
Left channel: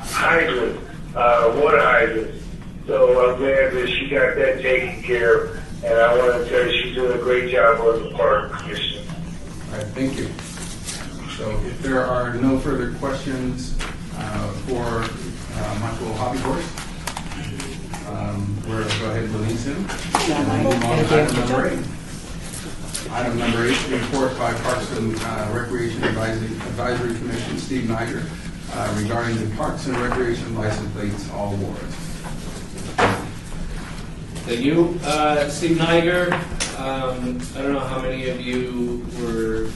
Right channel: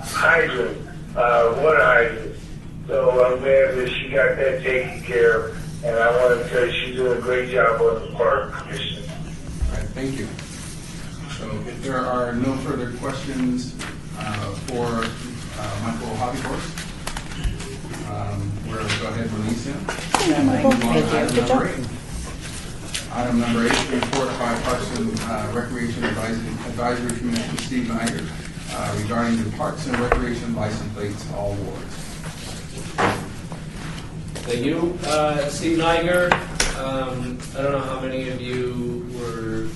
hydrant, water hydrant. So I'm glad that she got that taken care of, and I want to tell you she's doing a great job on the park, Commissioner. All right, thank you. So if there are no further questions for Michael Hoppyhorse, we'll go ahead and release him. And we move on to item number 8. Item number 8, report by Parks and Recreation Advisory Commission, Steve Niger, regarding the Parks and Recreation license plates, all wards. Thank you. Steve Niger. I don't know how many of you were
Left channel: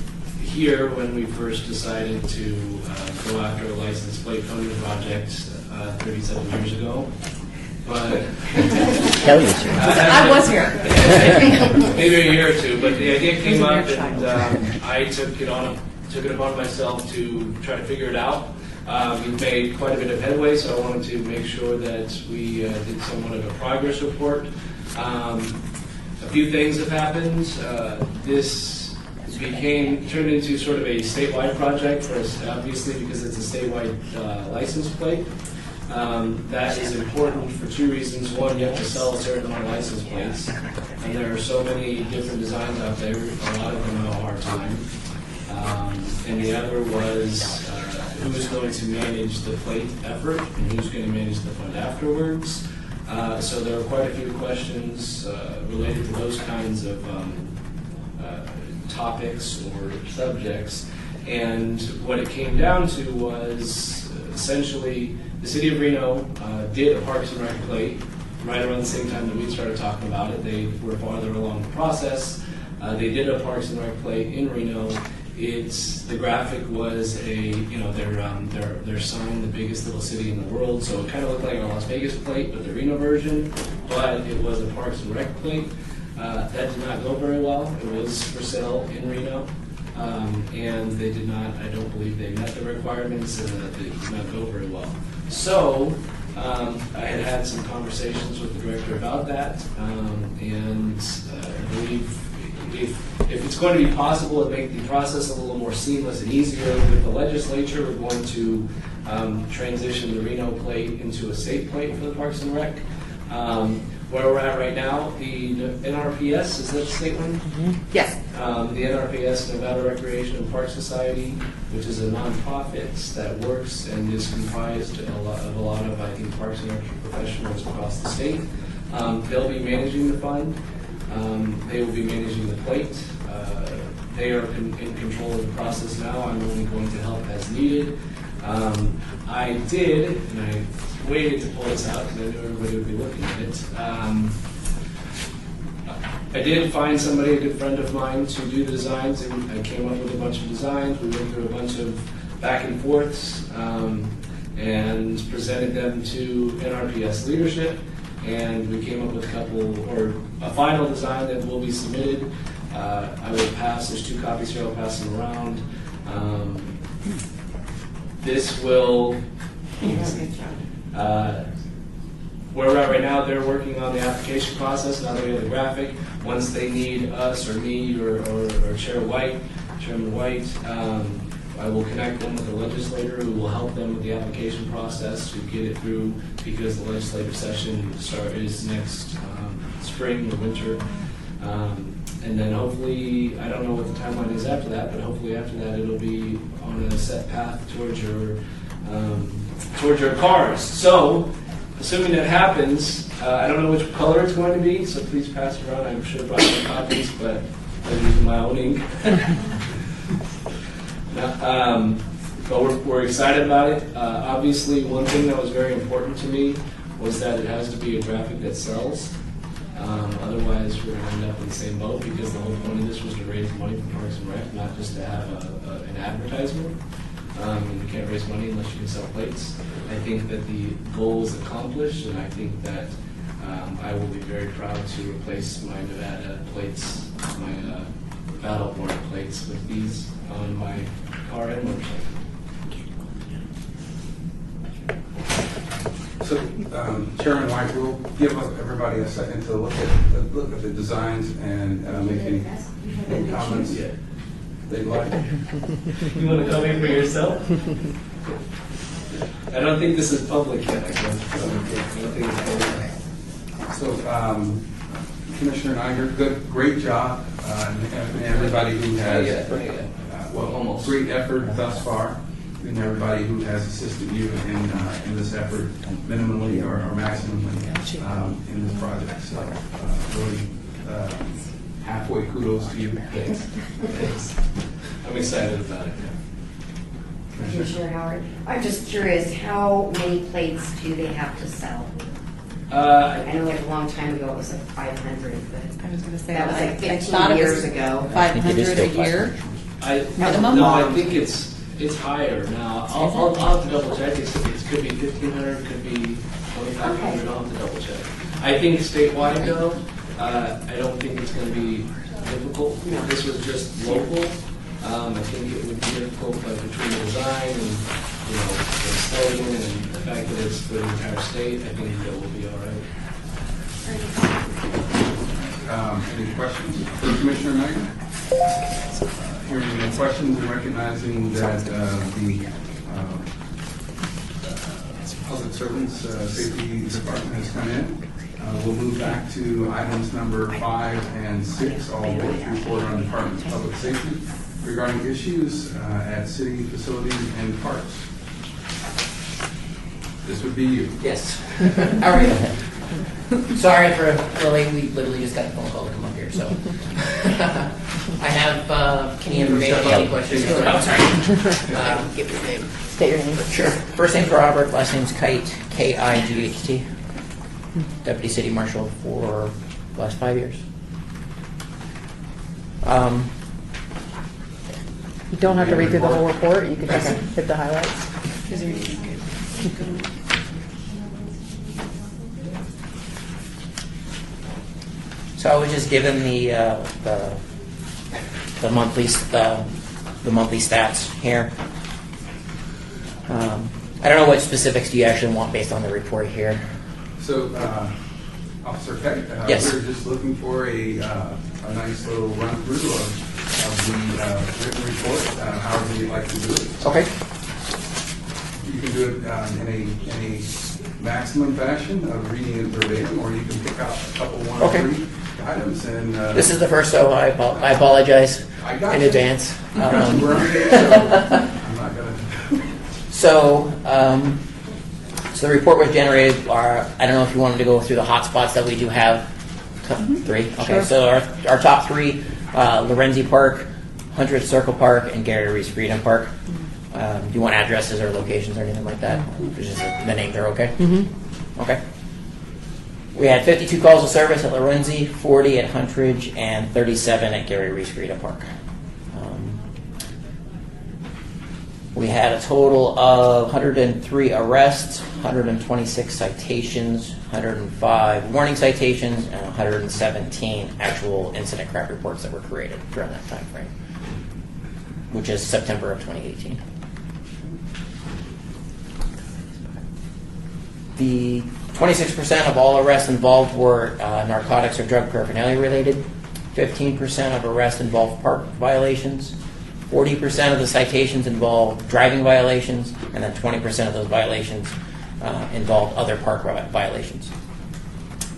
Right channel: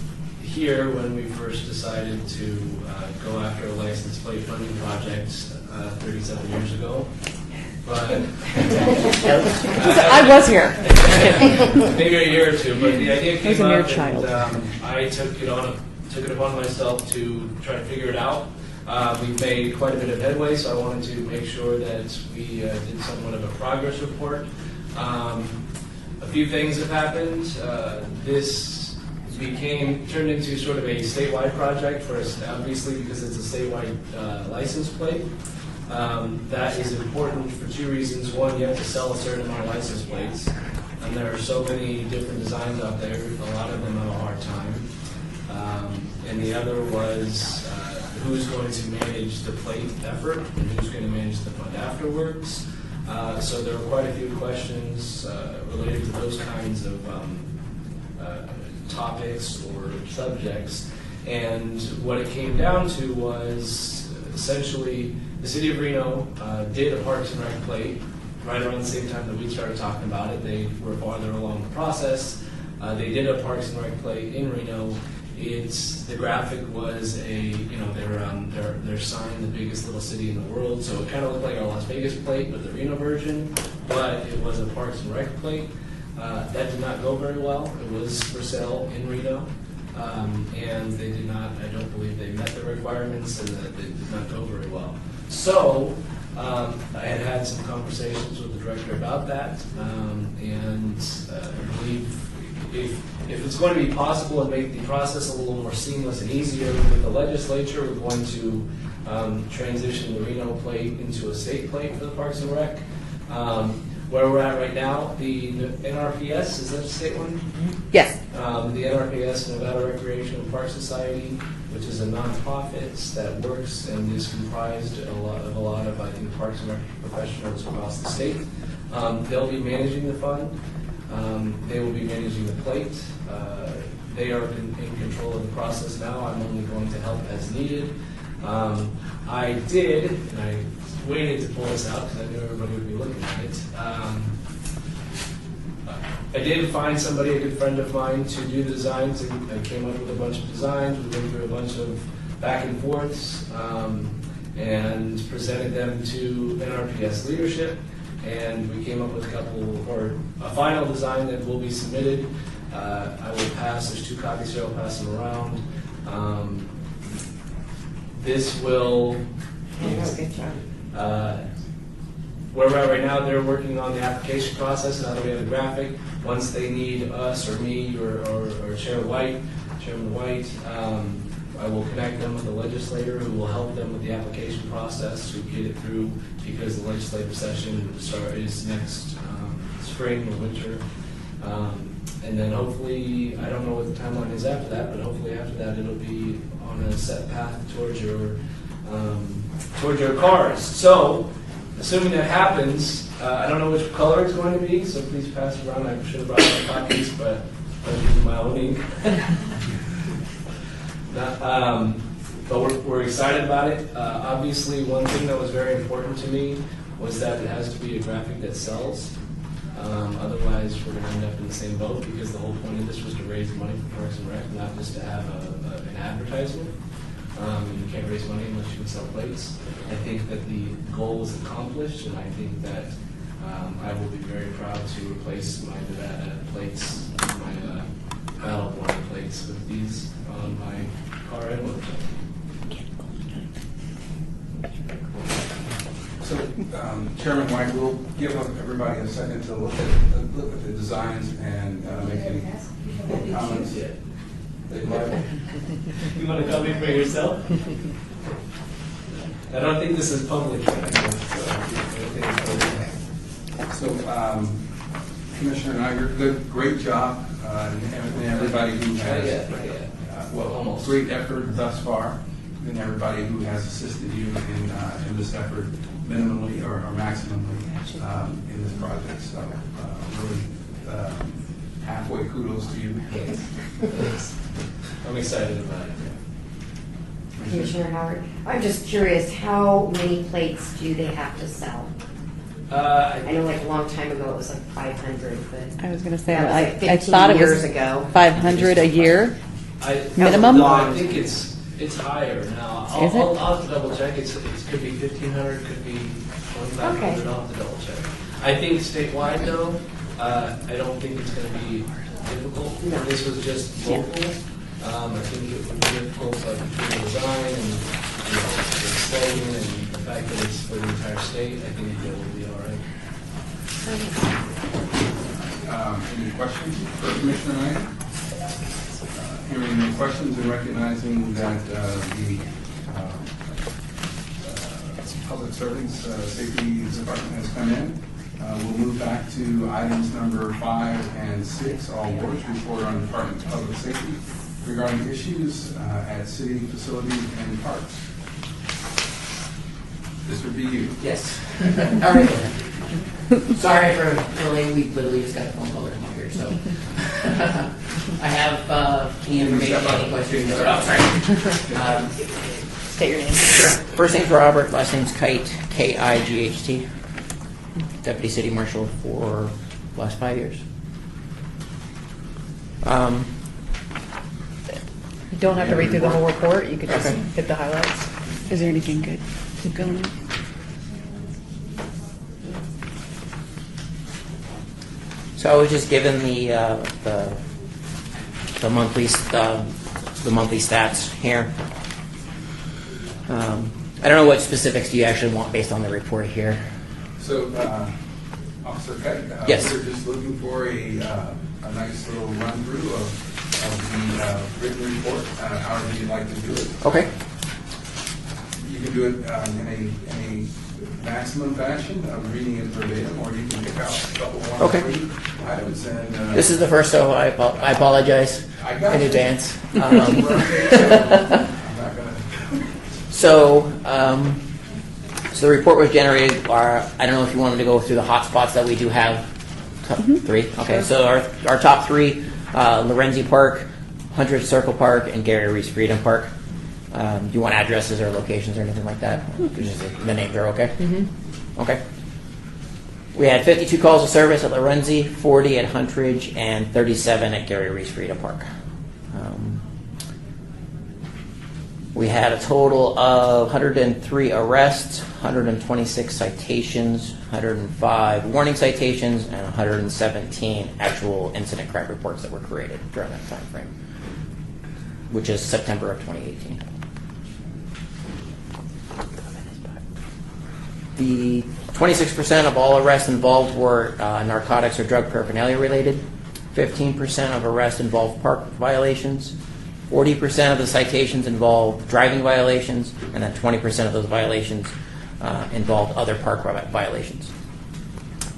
here when we first decided to go after a license plate funding project 37 years ago. But I was here. Maybe a year or two, but the idea came up, and I took it upon myself to try to figure it out. We've made quite a bit of headway, so I wanted to make sure that we did somewhat of a progress report. A few things have happened. This turned into sort of a statewide project for us, obviously, because it's a statewide license plate. That is important for two reasons. One, you have to sell a certain amount of license plates, and there are so many different designs out there. A lot of them have a hard time. And the other was who's going to manage the plate effort and who's going to manage the fund afterwards. So there are quite a few questions related to those kinds of topics or subjects. And what it came down to was essentially the city of Reno did a Parks and Rec plate right around the same time that we started talking about it. They were farther along the process. They did a Parks and Rec plate in Reno. The graphic was their sign, the biggest little city in the world. So it kind of looked like our Las Vegas plate, but the Reno version. But it was a Parks and Rec plate. That did not go very well. It was for sale in Reno. And they did not, I don't believe they met the requirements, and that it did not go very well. So I had some conversations with the director about that, and I believe if it's going to be possible to make the process a little more seamless and easier with the legislature, we're going to transition the Reno plate into a state plate for the Parks and Rec. Where we're at right now, the NRPS, is that the state one? Yes. The NRPS, Nevada Recreation and Park Society, which is a nonprofit that works and is comprised of a lot of, I think, parks and rec professionals across the state. They'll be managing the fund. They will be managing the plate. They are in control of the process now. I'm only going to help as needed. I did, and I waited to pull this out because I knew everybody would be looking at it. I did find somebody, a good friend of mine, to do the designs. I came up with a bunch of designs. We went through a bunch of back and forths and presented them to NRPS leadership. And we came up with a final design that will be submitted. I will pass. There's 2 copies here. I'll pass them around. This will. Good job. Where we're at right now, they're working on the application process. Now that we have the graphic, once they need us or me or Chairman White, I will connect them with the legislator who will help them with the application process to get it through, because the legislative session is next spring or winter. And then hopefully, I don't know what the timeline is after that, but hopefully after that it'll be on a set path towards your cars. So, assuming that happens, I don't know which color it's going to be, so please pass it around. I'm sure I brought more copies, but I'm using my own ink. But we're excited about it. Obviously, one thing that was very important to me was that it has to be a graphic that sells. Otherwise, we're going to end up in the same boat, because the whole point of this was to raise money for Parks and Rec, not just to have an advertisement. And you can't raise money unless you can sell plates. I think that the goal was accomplished, and I think that I will be very proud to replace my Nevada plates, my Battle Border plates, with these on my car and motorcycle. So, Chairman White, we'll give everybody a second to look at the designs and make any comments they'd like. You want to come in for yourself? I don't think this is public yet. I don't think it's public. So, Commissioner Niger, great job, and everybody who has, almost great effort thus far, and everybody who has assisted you in this effort, minimally or maximally, in this project. So, really, halfway kudos to you. Thanks. I'm excited about it. Commissioner Howard, I'm just curious, how many plates do they have to sell? I know like a long time ago it was like 500, but I was going to say, that was like 15 I thought it years was ago. 500 a year minimum. No, I think it's higher now. I'll have to double check. It could be 1,500, could be 2,500. Okay. I'll have to double check. I think statewide though, I don't think it's going to be difficult. No. This was just local. I think it would be difficult, but between the design and the slogan and the fact that it's for the entire state, I think it will be all right. Any questions for Commissioner Knight? Hearing no questions and recognizing that the Public Servants Safety Department has come in, we'll move back to items number 5 and 6, all boards report on Department of Public Safety regarding issues at city facilities and parks. This would be you. Yes. All right. Sorry for early. We literally just got the phone call to come up here, so I have any information. Any questions? Oh, sorry. State your name. Sure. First name's Robert. Last name's Kite. K-I-G-H-T. Deputy City Marshal for the last 5 years. You don't have to read through the whole report. You could just hit the highlights. Is there anything good? Keep going. So I was just given the monthly stats here. I don't know what specifics do you actually want based on the report here. So, Officer Keck, yes. We're just looking for a nice little run through of the written report. How would you like to do it? Okay. You can do it in a maximum fashion of reading it verbatim, or you can pick out a couple, 1 or 3 items. And this is the first, so I apologize in advance. I'm not gonna. So So the report was generated, I don't know if you wanted to go through the hotspots that we do have. Three? Okay, Sure. so our top three, Lorenzi Park, Hunter's Circle Park, and Gary Reese Freedom Park. Do you want addresses or locations or anything like that? Just the names are okay? Okay. We had 52 calls of service at Lorenzi, 40 at Huntridge, and 37 at Gary Reese Freedom Park. We had a total of 103 arrests, 126 citations, 105 warning citations, and 117 actual incident crime reports that were created during that time frame, which is September of 2018. The 26% of all arrests involved were narcotics or drug paraphernalia related. 15% of arrests involved park violations. 40% of the citations involved driving violations, and then 20% of those violations involved other park violations.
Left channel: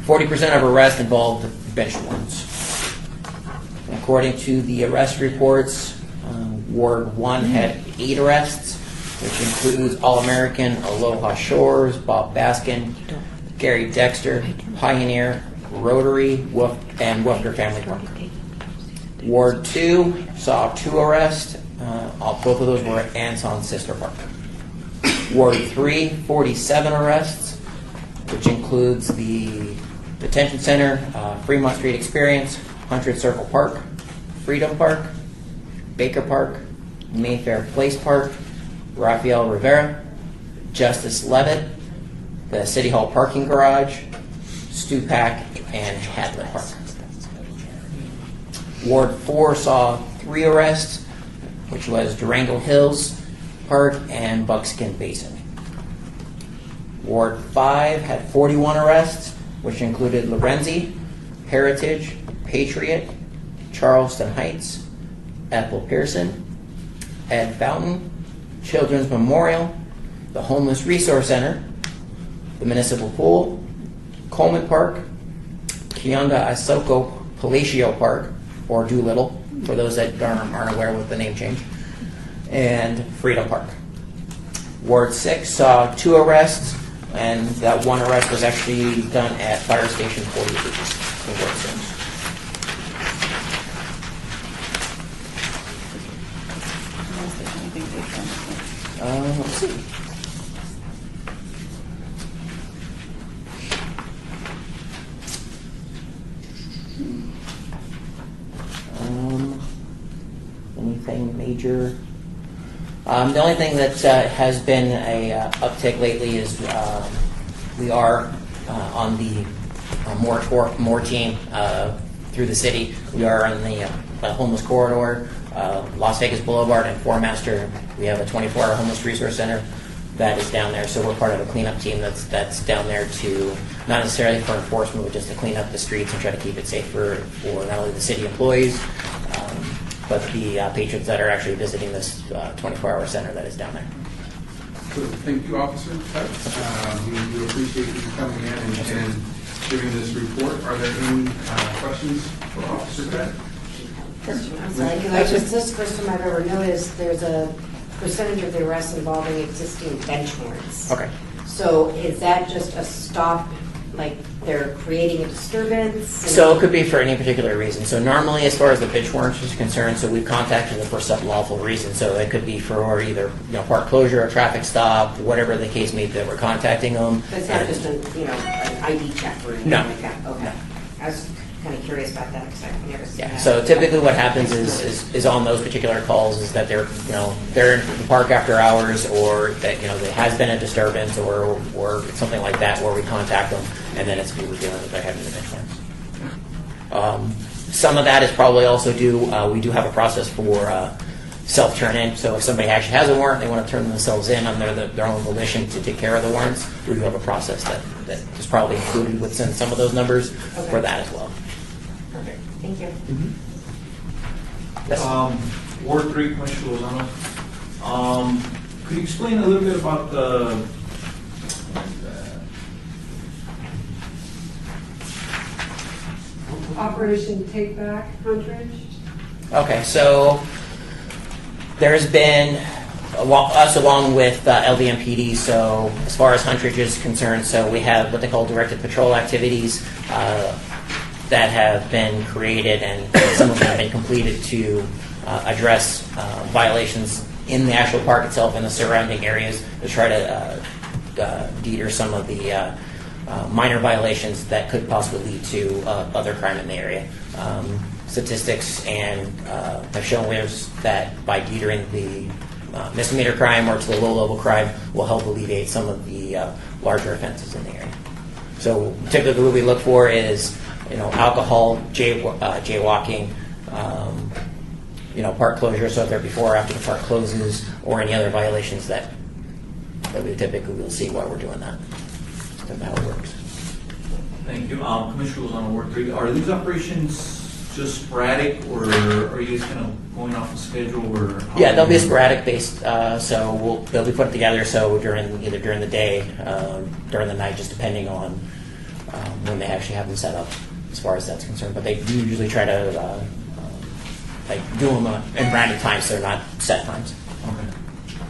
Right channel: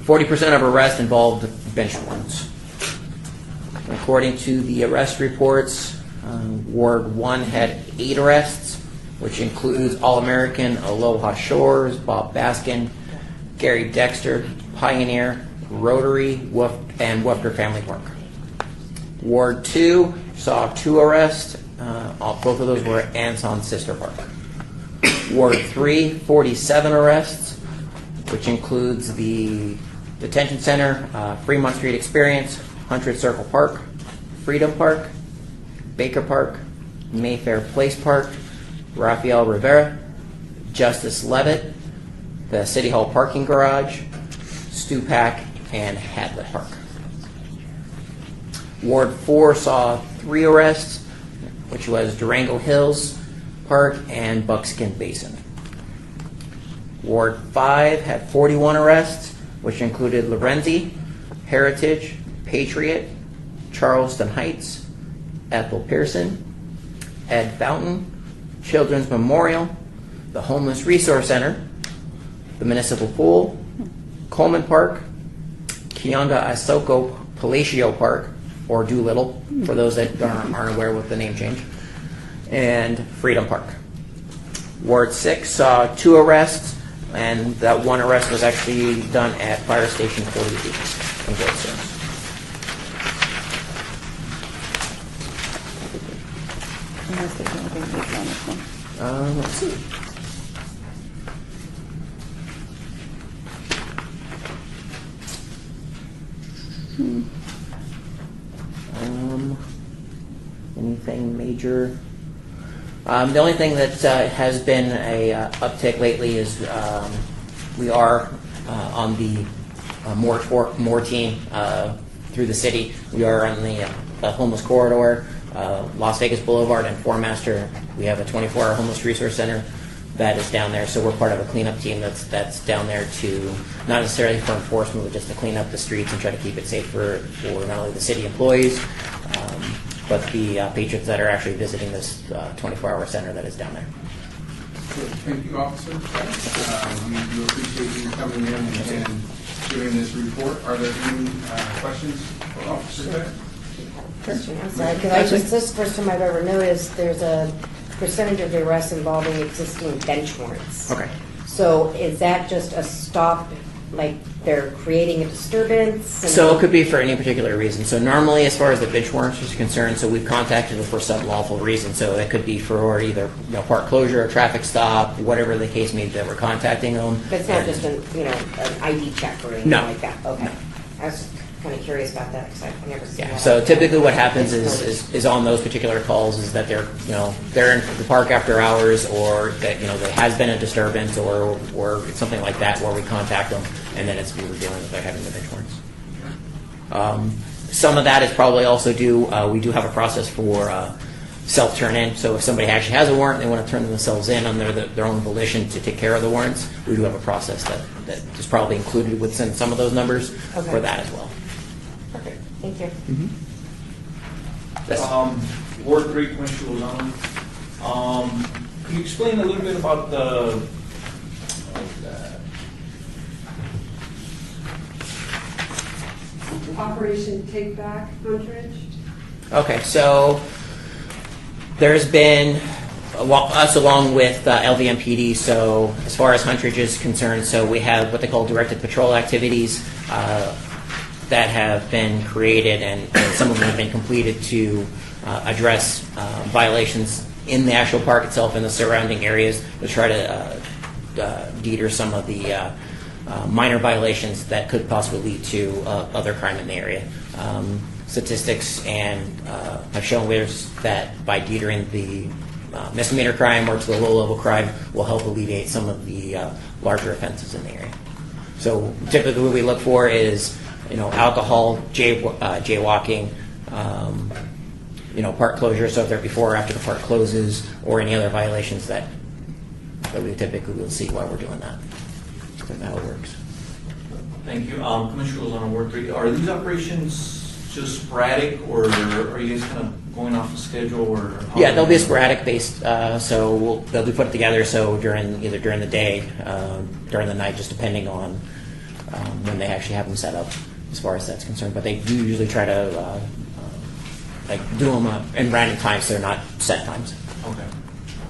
40% of arrests involved bench warrants. According to the arrest reports, Ward 1 had 8 arrests, which includes All-American, Aloha Shores, Bob Baskin, Gary Dexter, Pioneer, Rotary, and Woofter Family Park. Ward 2 saw 2 arrests. Both of those were at Anson Sister Park. Ward 3, 47 arrests, which includes the Detention Center, Fremont Street Experience, Hunter's Circle Park, Freedom Park, Baker Park, Mayfair Place Park, Rafael Rivera, Justice Levitt, the City Hall parking garage, Stupak, and Hatlett Park. Ward 4 saw 3 arrests, which was Durango Hills Park and Buckskin Basin. Ward 5 had 41 arrests, which included Lorenzi, Heritage, Patriot, Charleston Heights, Ethel Pearson, Ed Fountain, Children's Memorial, the Homeless Resource Center, the Municipal Pool, Coleman Park, Kionda Isoko Palacio Park, or Doolittle, for those that aren't aware with the name change, and Freedom Park. Ward 6 saw 2 arrests, and that 1 arrest was actually done at Fire Station 48 in Goldstone. Let's see. Anything major? The only thing that has been a uptick lately is we are on the more team through the city. We are on the homeless corridor, Las Vegas Boulevard and Four Master. We have a 24-hour homeless resource center that is down there. So we're part of a cleanup team that's down there to not necessarily for enforcement, but just to clean up the streets and try to keep it safe for not only the city employees, but the patrons that are actually visiting this 24-hour center that is down there. Thank you, officer. We appreciate you coming in and giving this report. Are there any questions for Officer Grant? I'm sorry, this is the first time I've ever noticed there's a percentage of the arrests involving existing bench warrants. Okay. So is that just a stop, like they're creating a disturbance? So it could be for any particular reason. So normally, as far as the bench warrants is concerned, so we've contacted them for some lawful reason. So it could be for either park closure, a traffic stop, whatever the case may be that we're contacting them. But it's not just an ID check or anything like that? Okay. No. I was kind of curious about that because I've never seen that. So typically what happens is on those particular calls is that they're in the park after hours, or that there has been a disturbance or something like that where we contact them, and then it's dealing with they're having the bench warrants. Some of that is probably also due. We do have a process for self turn-in. So if somebody actually has a warrant, they want to turn themselves in on their own volition to take care of the warrants. We do have a process that is probably included within some of those numbers for that as well. Thank you. Ward 3, Commissioner Lozano. Could you explain a little bit about the Operation Take Back Huntridge? Okay, so there's been along with LVMPD. So as far as Huntridge is concerned, so we have what they call directed patrol activities that have been created, and some of them have been completed to address violations in the actual park itself and the surrounding areas to try to deter some of the minor violations that could possibly lead to other crime in the area. Statistics and have shown that by detering the misdemeanor crime or to the low-level crime will help alleviate some of the larger offenses in the area. So typically what we look for is, alcohol, jaywalking, park closure, so if they're before or after the park closes, or any other violations that we typically will see while we're doing that. That's how it works. Thank you. Commissioner Lozano, Ward 3. Are these operations just sporadic, or are you guys kind of going off the schedule? Or Yeah, they'll be sporadic based, so they'll be put together so either during the day, during the night, just depending on when they actually have them set up as far as that's concerned. But they do usually try to do them in random times, so they're not set times. Okay.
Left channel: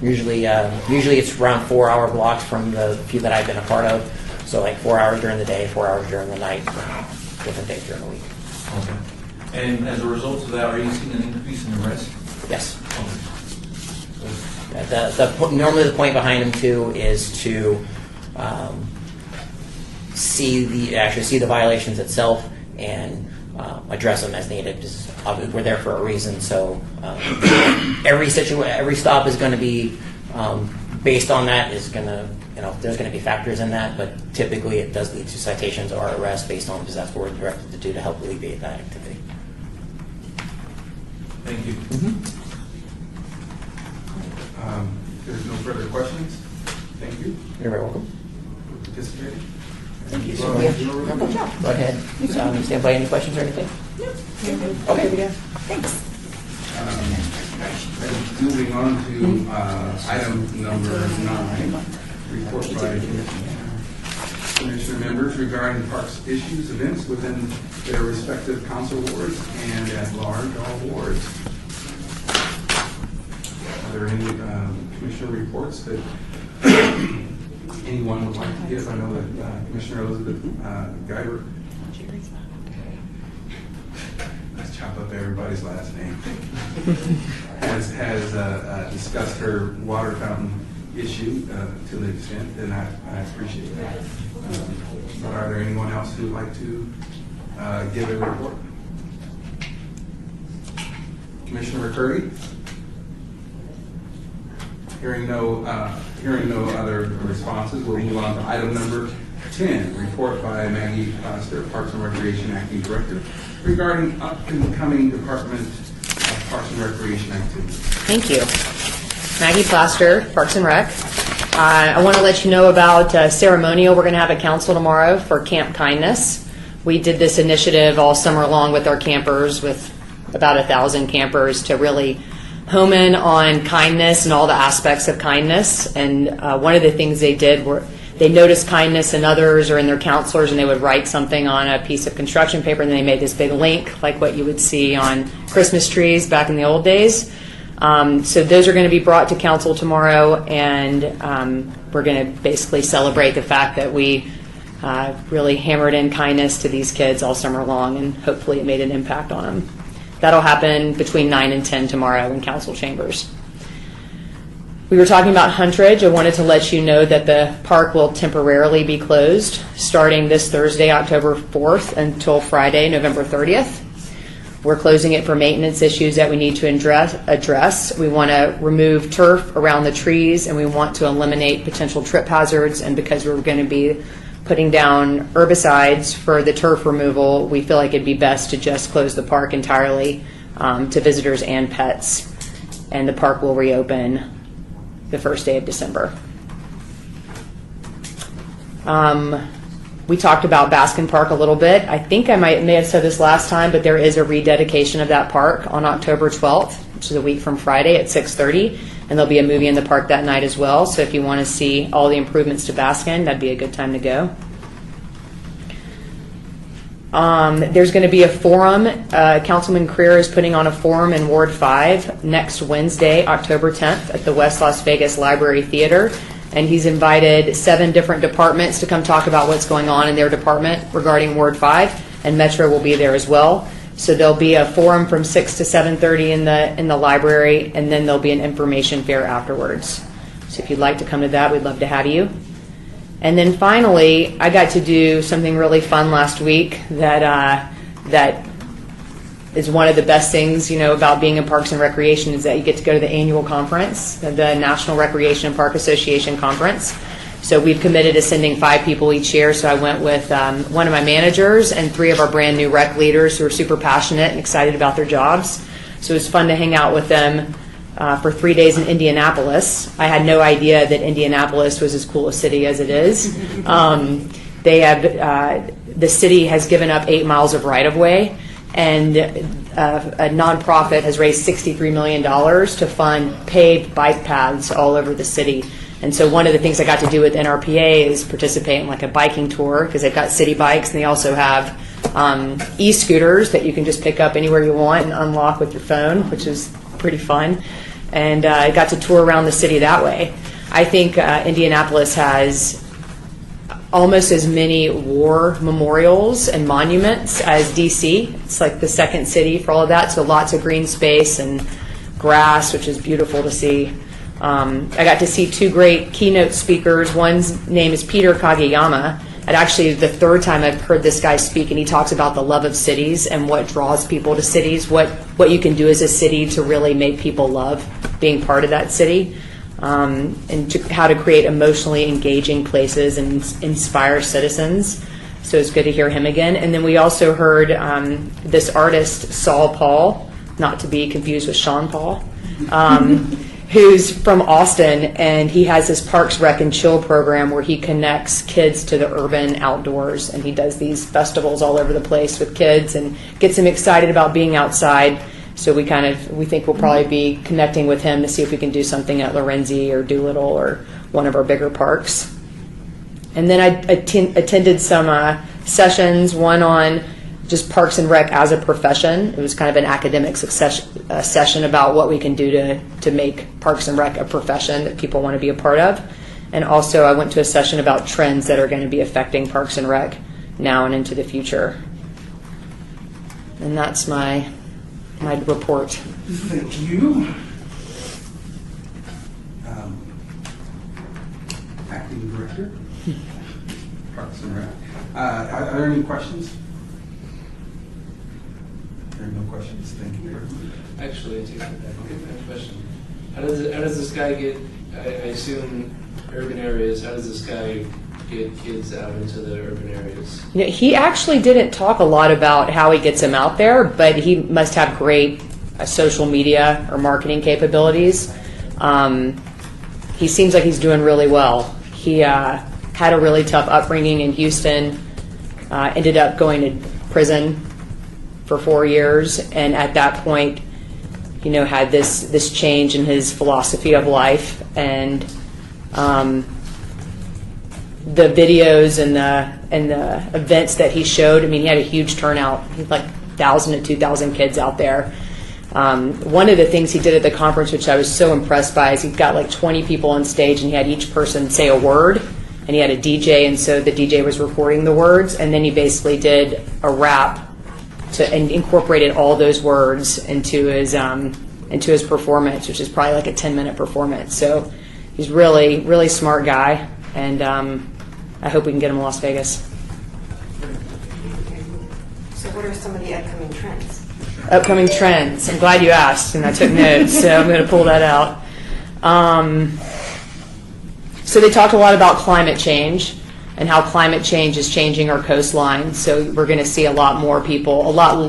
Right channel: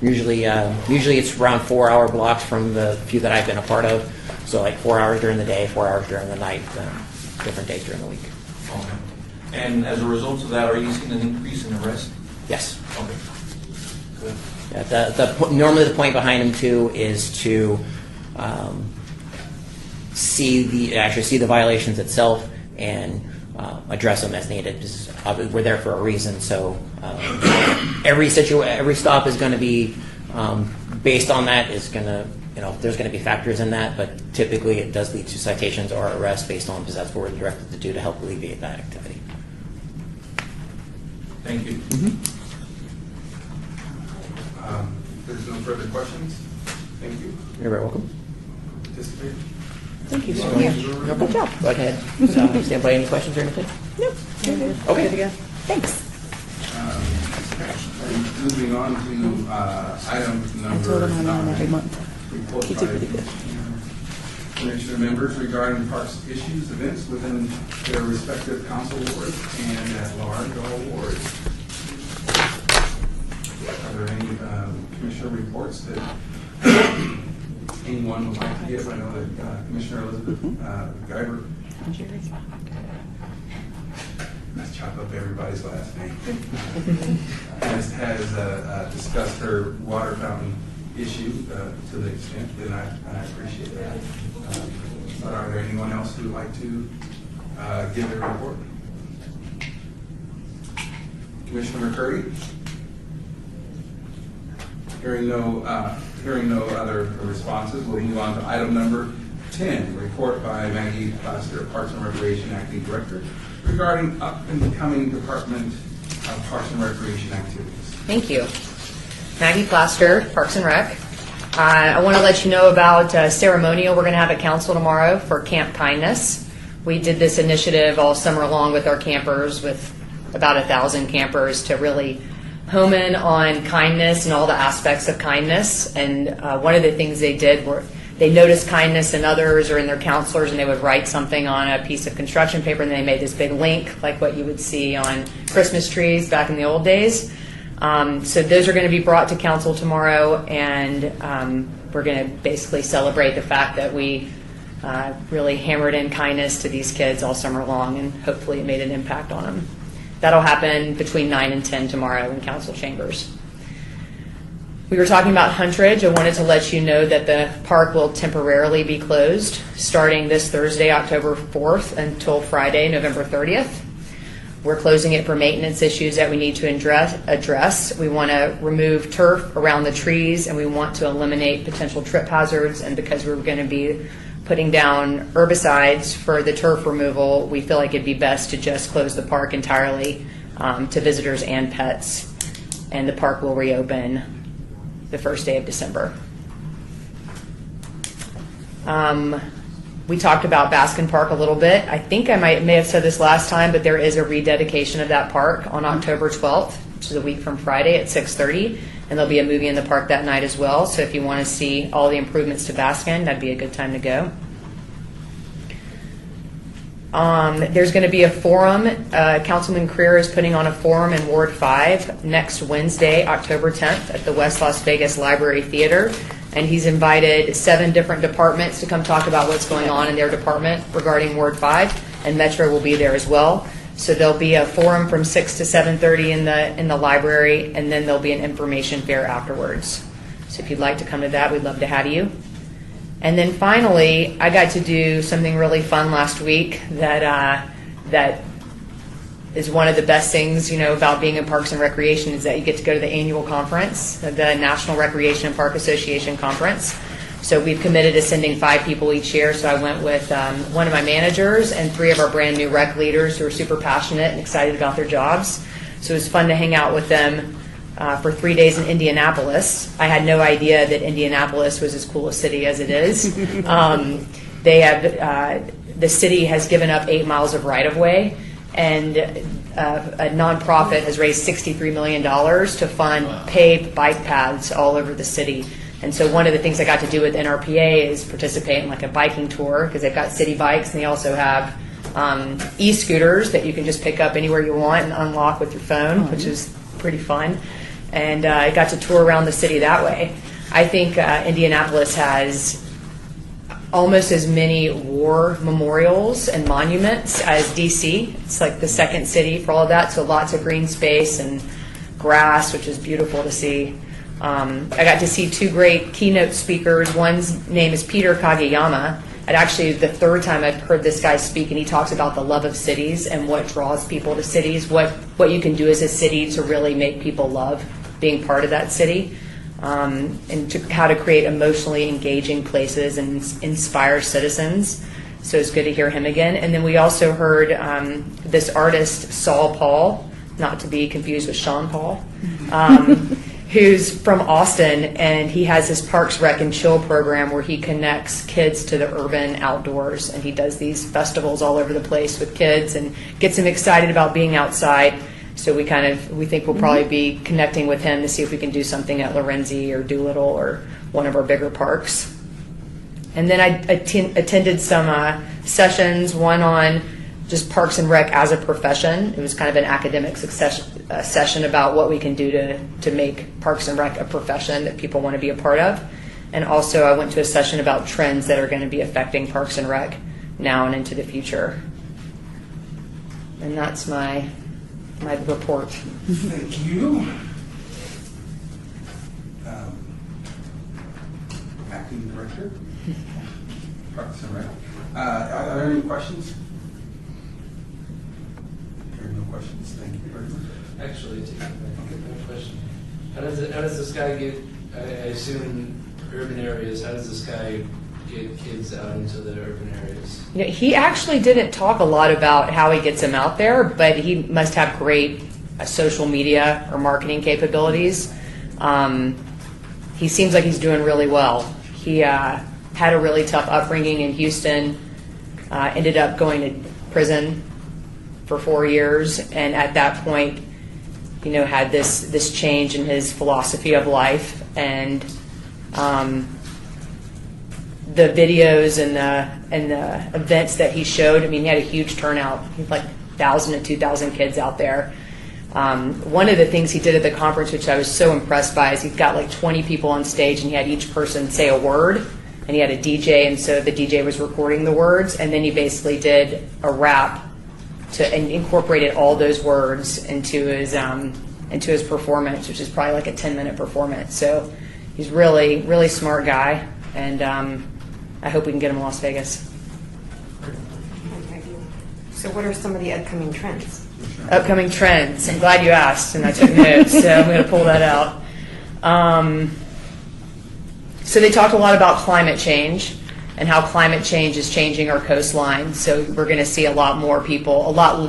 Usually it's around 4-hour blocks from the few that I've been a part of. So like 4 hours during the day, 4 hours during the night, different days during the week. Okay. And as a result of that, are you seeing an increase in arrest? Yes. Okay. Good. Normally the point behind them too is to see the violations itself and address them as needed. We're there for a reason, so every stop is going to be based on that. Is going to there's going to be factors in that, but typically it does lead to citations or arrests based on, because that's what we're directed to do to help alleviate that activity. Thank you. There's no further questions. Thank you. You're very welcome. For participating. Thank you. Good job. Go ahead. Does anybody any questions or anything? Nope. Okay. Good to go. Thanks. And moving on to item number 9, report by commissioner members regarding parks issues, events within their respective council wards and at large all wards. Are there any commissioner reports that anyone would like to give? I know that Commissioner Elizabeth Guyver. Let's chop up everybody's last name. has discussed her water fountain issue to the extent, and I appreciate that. But are there anyone else who would like to give a report? Commissioner McCurdy? Hearing no other responses, we'll move on to item number 10, report by Maggie Plaster, Parks and Recreation Acting Director, regarding upcoming Department of Parks and Recreation activities. Thank you. Maggie Plaster, Parks and Rec. I want to let you know about a ceremonial we're going to have at council tomorrow for Camp Kindness. We did this initiative all summer long with our campers, with about 1,000 campers, to really home in on kindness and all the aspects of kindness. And one of the things they did were they noticed kindness in others or in their counselors, and they would write something on a piece of construction paper, and they made this big link, like what you would see on Christmas trees back in the old days. So those are going to be brought to council tomorrow, and we're going to basically celebrate the fact that we really hammered in kindness to these kids all summer long, and hopefully it made an impact on them. That'll happen between 9 and 10 tomorrow in council chambers. We were talking about Huntridge. I wanted to let you know that the park will temporarily be closed starting this Thursday, October 4th, until Friday, November 30th. We're closing it for maintenance issues that we need to address. We want to remove turf around the trees, and we want to eliminate potential trip hazards. And because we're going to be putting down herbicides for the turf removal, we feel like it'd be best to just close the park entirely to visitors and pets. And the park will reopen the first day of December. We talked about Baskin Park a little bit. I think I may have said this last time, but there is a rededication of that park on October 12th, which is a week from Friday at 6:30, and there'll be a movie in the park that night as well. So if you want to see all the improvements to Baskin, that'd be a good time to go. There's going to be a forum. Councilman Creer is putting on a forum in Ward 5 next Wednesday, October 10th, at the West Las Vegas Library Theater. And he's invited 7 different departments to come talk about what's going on in their department regarding Ward 5. And Metro will be there as well. So there'll be a forum from 6 to 7:30 in the library, and then there'll be an information fair afterwards. So if you'd like to come to that, we'd love to have you. And then finally, I got to do something really fun last week that is one of the best things, about being in Parks and Recreation is that you get to go to the annual conference, the National Recreation and Park Association Conference. So we've committed to sending 5 people each year. So I went with one of my managers and 3 of our brand new rec leaders who are super passionate and excited about their jobs. So it was fun to hang out with them for 3 days in Indianapolis. I had no idea that Indianapolis was as cool a city as it is. The city has given up 8 miles of right-of-way, and a nonprofit has raised $63 million to fund paved bike paths all over the city. And so one of the things I got to do with NRPA is participate in like a biking tour, because they've got city bikes, and they also have e-scooters that you can just pick up anywhere you want and unlock with your phone, which is pretty fun. And I got to tour around the city that way. I think Indianapolis has almost as many war memorials and monuments as DC. It's like the second city for all of that, so lots of green space and grass, which is beautiful to see. I got to see 2 great keynote speakers. One's name is Peter Kageyama. And actually, the 3rd time I've heard this guy speak, and he talks about the love of cities and what draws people to cities, what you can do as a city to really make people love being part of that city, and how to create emotionally engaging places and inspire citizens. So it's good to hear him again. And then we also heard this artist, Saul Paul, not to be confused with Sean Paul, who's from Austin, and he has his Parks Rec and Chill program where he connects kids to the urban outdoors, and he does these festivals all over the place with kids and gets them excited about being outside. So we think we'll probably be connecting with him to see if we can do something at Lorenzi or Doolittle or one of our bigger parks. And then I attended some sessions, one on just Parks and Rec as a profession. It was kind of an academic session about what we can do to make Parks and Rec a profession that people want to be a part of. And also I went to a session about trends that are going to be affecting Parks and Rec now and into the future. And that's my report. Thank you. Acting Director, Parks and Rec. Are there any questions? There are no questions. Thank you very much. Actually, I take that question. How does this guy get? I assume in urban areas. How does this guy get kids out into the urban areas? He actually didn't talk a lot about how he gets them out there, but he must have great social media or marketing capabilities. He seems like he's doing really well. He had a really tough upbringing in Houston, ended up going to prison for 4 years, and at that point, had this change in his philosophy of life, and the videos and the events that he showed. He had a huge turnout. He had like 1,000 to 2,000 kids out there. One of the things he did at the conference, which I was so impressed by, is he's got like 20 people on stage, and he had each person say a word, and he had a DJ, and so the DJ was recording the words, and then he basically did a rap and incorporated all those words into his performance, which is probably like a 10-minute performance. So he's really, really smart guy, and I hope we can get him to Las Vegas. So what are some of the upcoming trends? Upcoming trends. I'm glad you asked, and I took notes, so I'm going to pull that out. So they talked a lot about climate change and how climate change is changing our coastline. So we're going to see a lot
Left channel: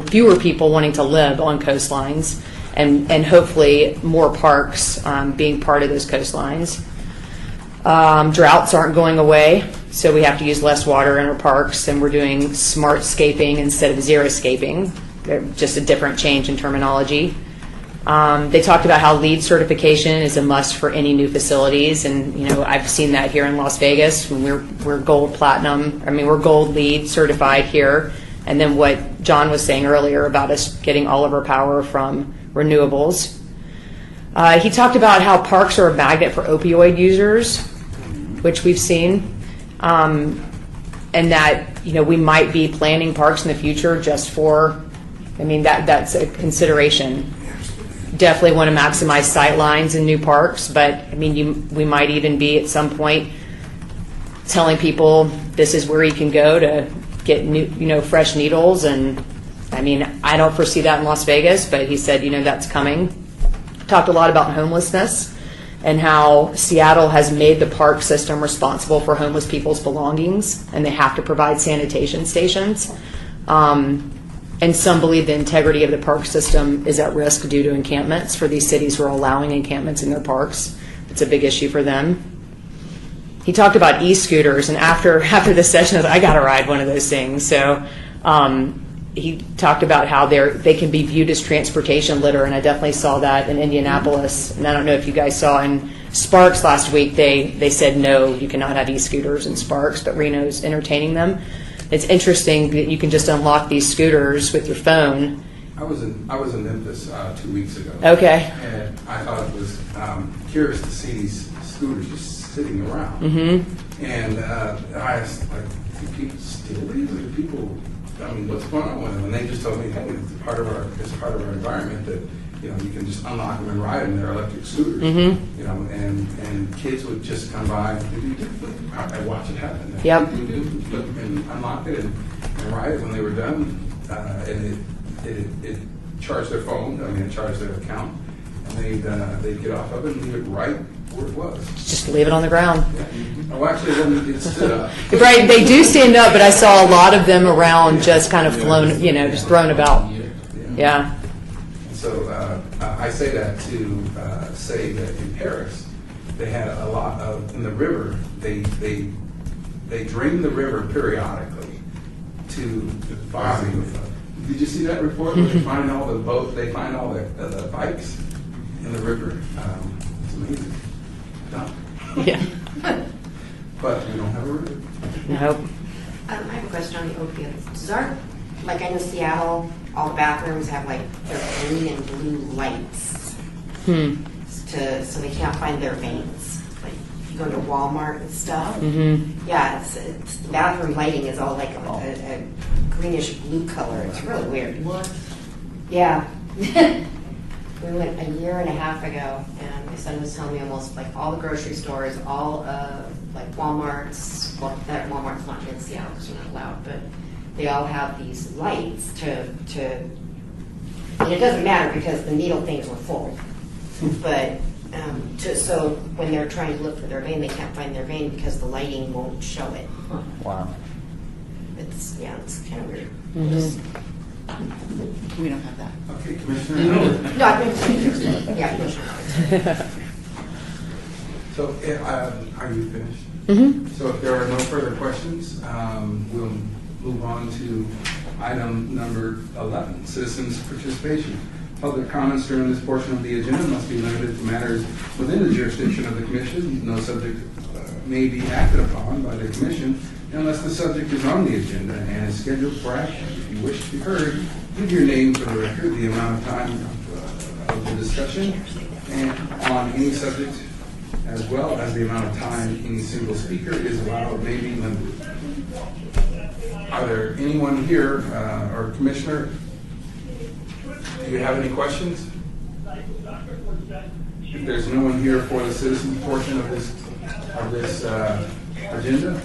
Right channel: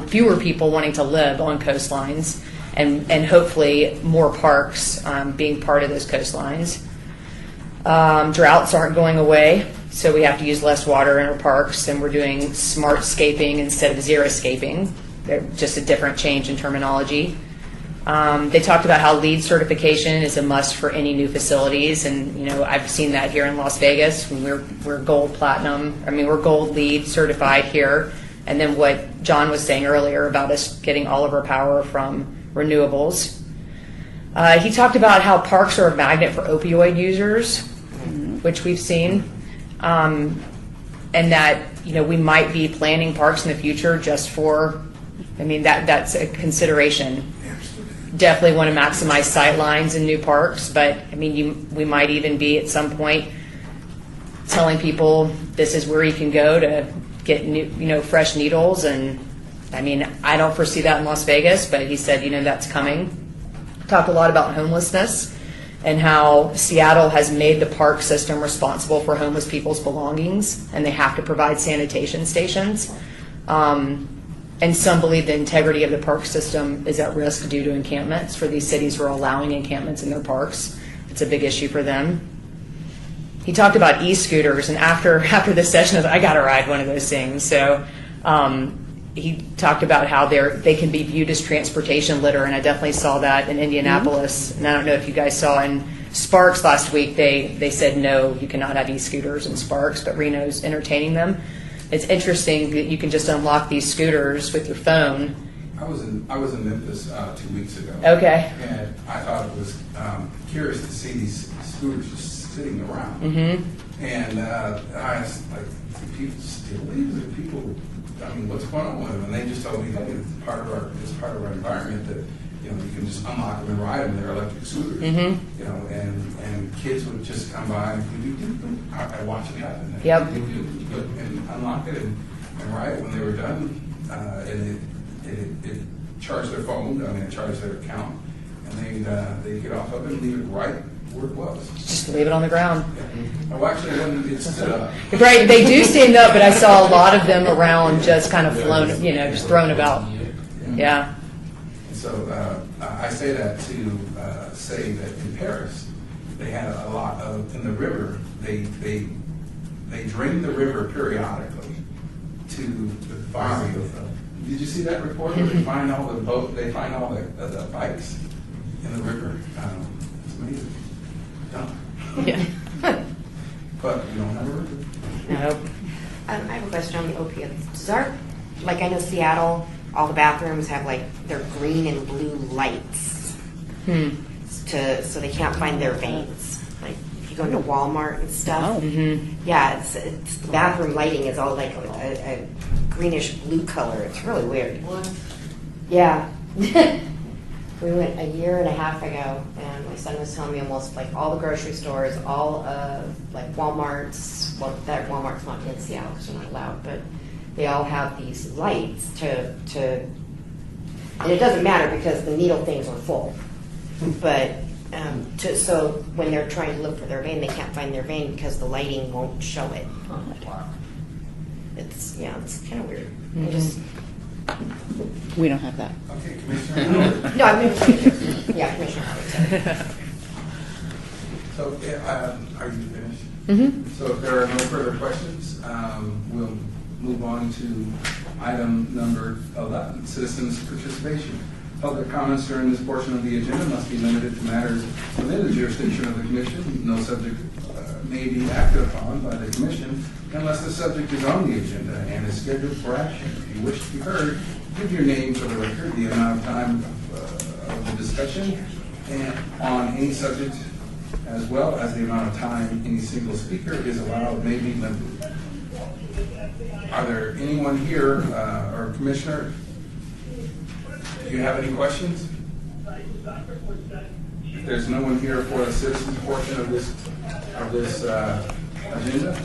fewer people wanting to live on coastlines, and hopefully more parks being part of those coastlines. Droughts aren't going away, so we have to use less water in our parks, and we're doing smart scaping instead of xeriscaping. They're just a different change in terminology. They talked about how LEED certification is a must for any new facilities, and I've seen that here in Las Vegas. We're gold platinum. We're gold LEED certified here And then what John was saying earlier about us getting all of our power from renewables. He talked about how parks are a magnet for opioid users, which we've seen, and that we might be planning parks in the future just for. I mean that's a consideration. Definitely want to maximize sight lines in new parks, but I mean we might even be at some point telling people this is where you can go to get new, fresh needles. And I mean I don't foresee that in Las Vegas, but he said that's coming. Talked a lot about homelessness and how Seattle has made the park system responsible for homeless people's belongings, and they have to provide sanitation stations. And some believe the integrity of the park system is at risk due to encampments for these cities who are allowing encampments in their parks. It's a big issue for them. He talked about e-scooters, and after the session, I got to ride one of those things. So he talked about how they can be viewed as transportation litter, and I definitely saw that in Indianapolis. And I don't know if you guys saw in Sparks last week, they said no, you cannot have e-scooters in Sparks, but Reno's entertaining them. It's interesting that you can just unlock these scooters with your phone. I was in Memphis 2 weeks ago. Okay. And I thought it was curious to see these scooters just sitting around. Mm-hmm. And I was like, do people steal these? Are people? I mean, what's going on with them? And they just told me that it's part of our environment that you can just unlock them and ride them. They're electric scooters. Mm-hmm. And kids would just come by. I watch it happen. Yep. And unlock it and ride it when they were done. And it charged their phone. It charged their account, and they'd get off of it and leave it right where it was. Just leave it on the ground. Yeah. Oh, actually, it stood up. Right, they do stand up, but I saw a lot of them around just kind of flown, just thrown about. Yeah. So I say that to say that in Paris, they had a lot of, in the river, they drain the river periodically to the body. Did you see that report? They find all the bikes in the river. It's amazing. Yeah. But we don't have a river. No. I have a question on the opiates. I know Seattle, all the bathrooms have their green and blue lights so they can't find their veins. Like if you go to Walmart and stuff, yeah, it's the bathroom lighting is all like a greenish blue color. It's really weird. What? Yeah. We went a year and a half ago, and my son was telling me almost all the grocery stores, all Walmart's. Well, that Walmart's not here in Seattle because we're not allowed, but they all have these lights to, and it doesn't matter because the needle things are full. But so when they're trying to look for their vein, they can't find their vein because the lighting won't show it. Wow. It's kind of weird. We don't have that. Okay, Commissioner. No, I've been Commissioner. So, are you finished? Mm-hmm. So if there are no further questions, we'll move on to item number 11, citizens' participation. Public comments during this portion of the agenda must be limited to matters within the jurisdiction of the Commission. No subject may be acted upon by the Commission unless the subject is on the agenda and is scheduled for action. If you wish to be heard, give your name for the record, the amount of time of the discussion, and on any subject, as well as the amount of time any single speaker is allowed may be limited. Are there anyone here, or Commissioner, do you have any questions? If there's no one here for the citizens portion of this agenda,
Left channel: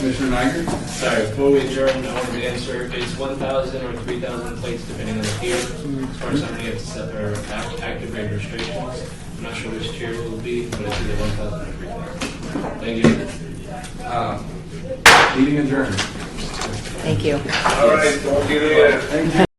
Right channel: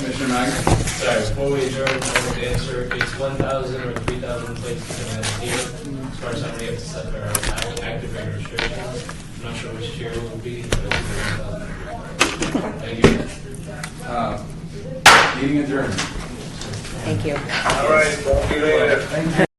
Commissioner Nygaard? Sorry, before we adjourn, I wanted to answer, it's 1,000 or 3,000 plates depending on the tier. As far as how many have to set our activate restriction. I'm not sure which tier it will be, but it's either 1,000 or 3,000. Thank you. Meeting adjourned. Thank you. All right, talk to you later. Thank you.